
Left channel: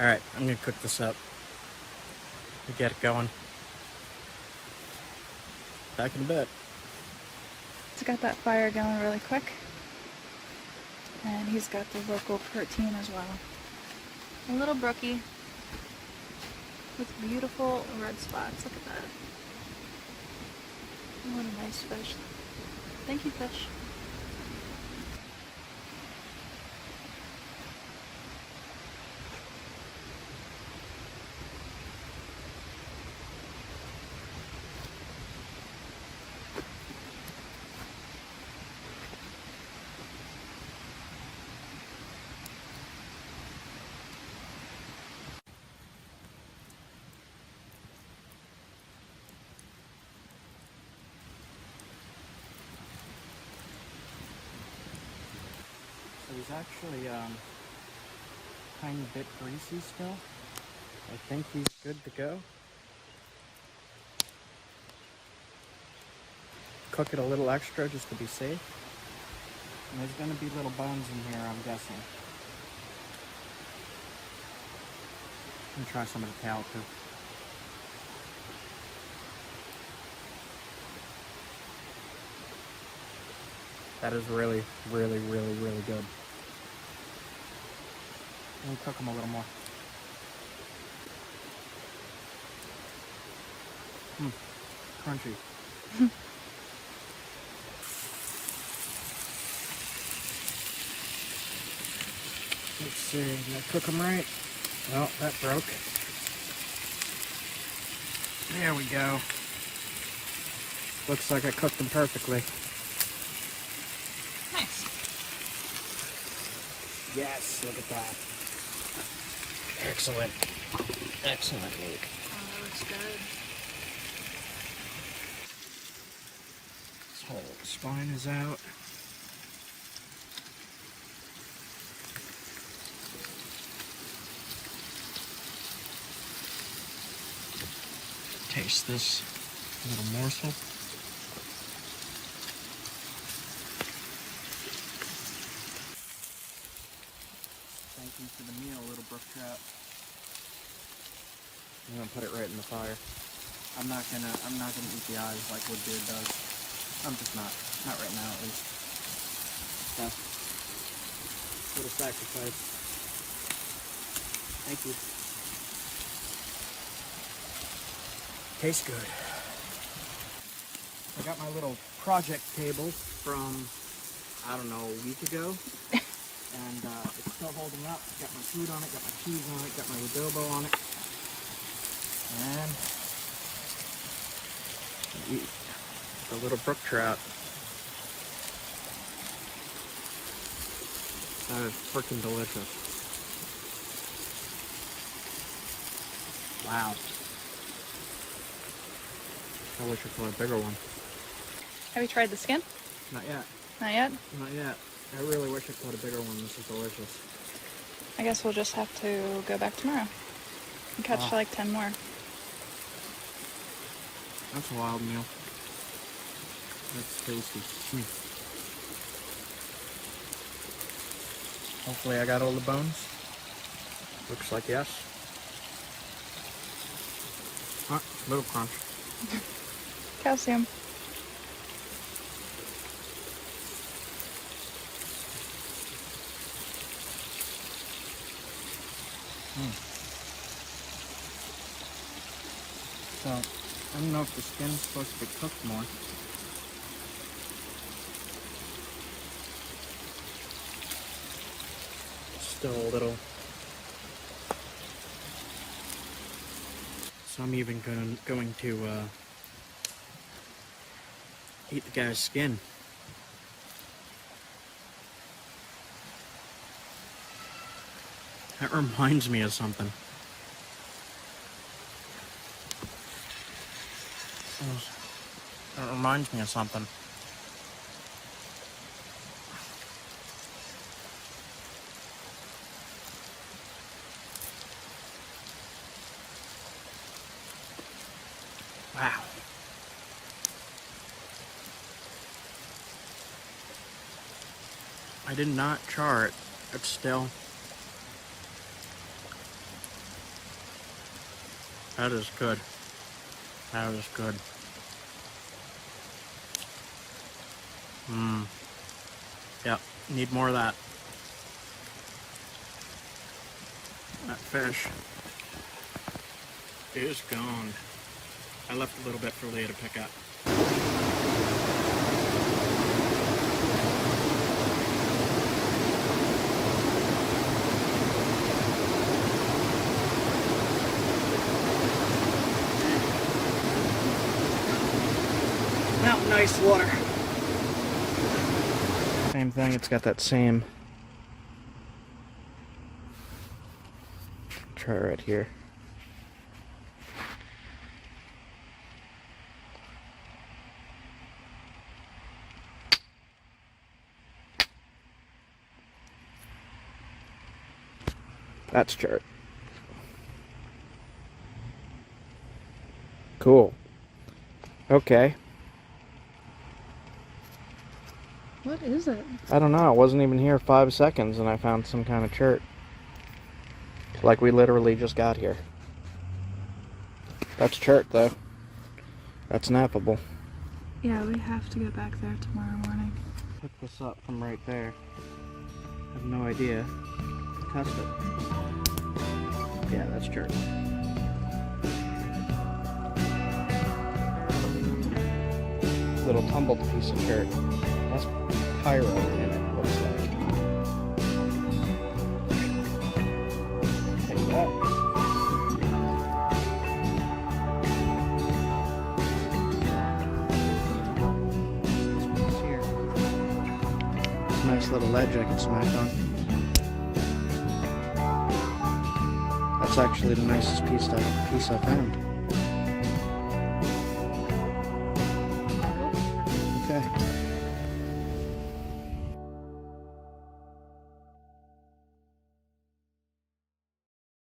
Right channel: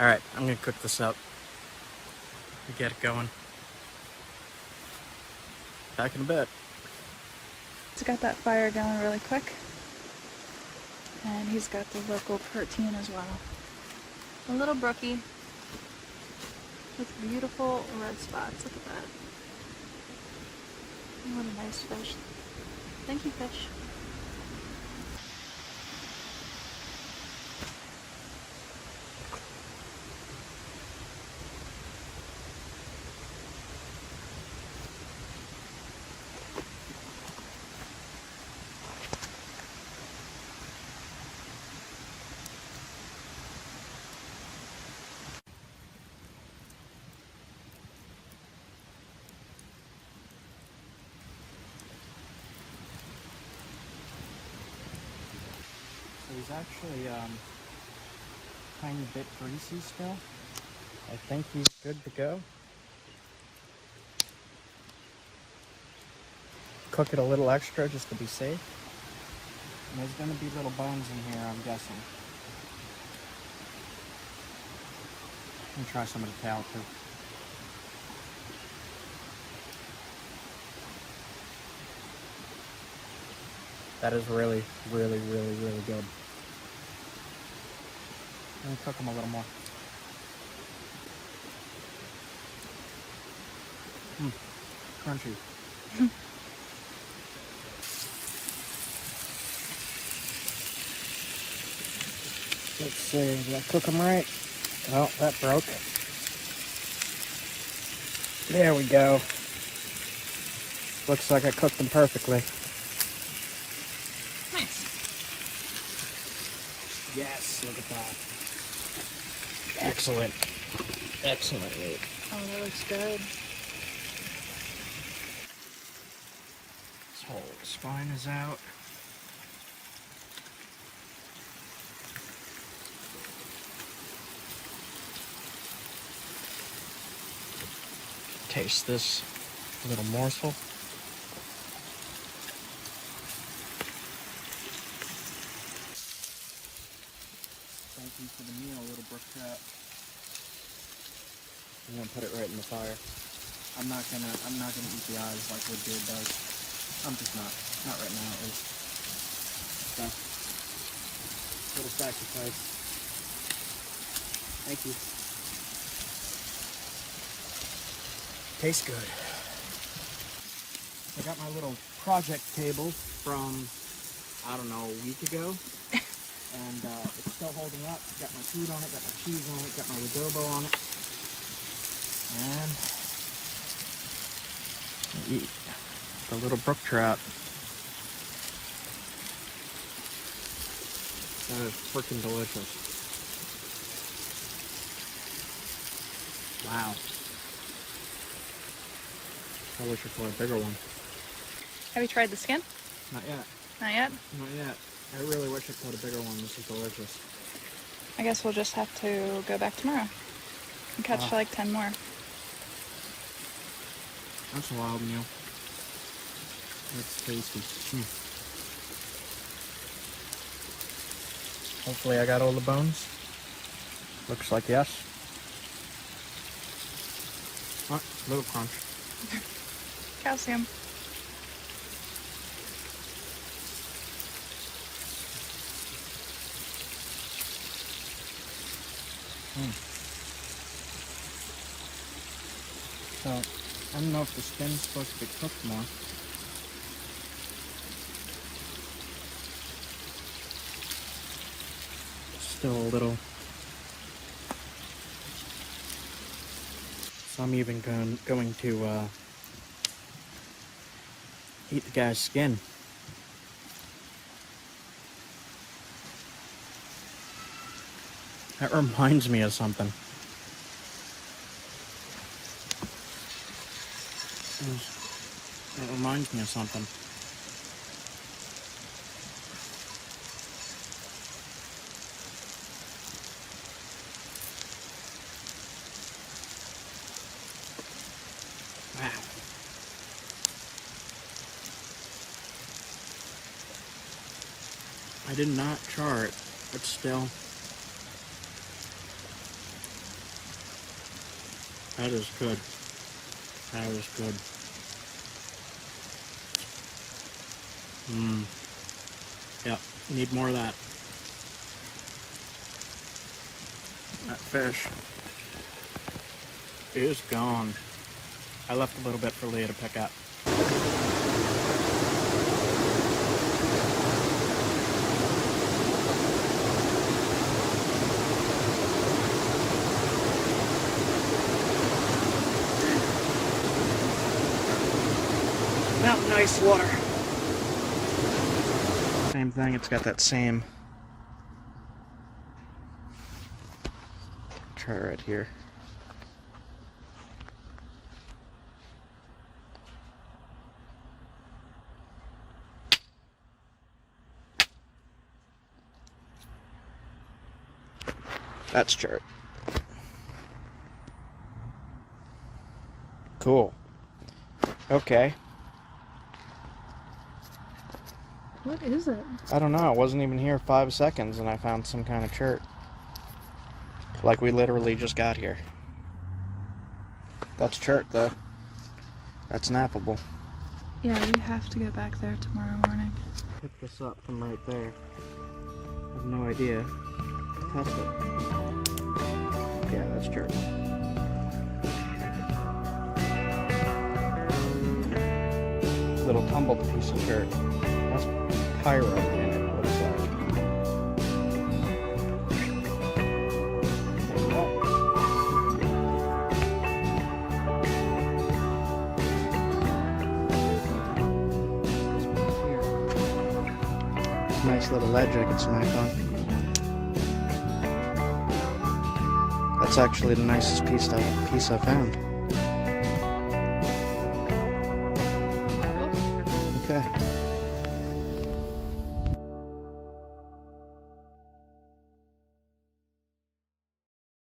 Alright, I'm gonna cook this up. We get it going. Back in a bit. He's got that fire going really quick. And he's got the local protein as well. A little brookie with beautiful red spots. Look at that. What a nice fish. Thank you, fish. So he's actually tiny bit greasy still. I think he's good to go. Cook it a little extra just to be safe. And there's going to be little bones in here, I'm guessing. Let me try some of the tail too. That is really, really, really, really good. Let me cook them a little more. Crunchy. Let's see, did I cook them right? Oh, that broke. There we go. Looks like I cooked them perfectly. Nice. Yes, look at that. Excellent. Excellent meat. Oh, that looks good. This whole spine is out. Taste this little morsel. Thank you for the meal, little brook trout. I'm gonna put it right in the fire. I'm not gonna eat the eyes like Woodbeard does. I'm just not right now at least. Okay. Little sacrifice. Thank you. Tastes good. I got my little project table from, I don't know, a week ago. And it's still holding up. Got my food on it, got my cheese on it, got my adobo on it. And eat a little brook trout. That is freaking delicious. Wow. I wish it was a bigger one. Have you tried the skin? Not yet. Not yet? Not yet. I really wish it was a bigger one. This is delicious. I guess we'll just have to go back tomorrow and catch like 10 more. That's a wild meal. That's tasty. Hopefully I got all the bones. Looks like yes. Little crunch. Calcium. So, I don't know if the skin's supposed to be cooked more. Still a little. So I'm even going to eat the guy's skin. That reminds me of something. It reminds me of something. Wow. I did not chart, but still. That is good. That is good. Yep, need more of that. That fish is gone. I left a little bit for Leah to pick up. mountain ice water. Same thing, it's got that same chart right here. That's chert. Cool. Okay. What is it? I don't know. It wasn't even here 5 seconds and I found some kind of chert. Like we literally just got here. That's chert though. That's nappable. Yeah, we have to go back there tomorrow morning. Pick this up from right there. I have no idea. Test it. Yeah, that's chert. Little tumbled piece of chert. That's pyro in it, looks like. Here. Nice little ledge I can smack on. That's actually the nicest piece I found.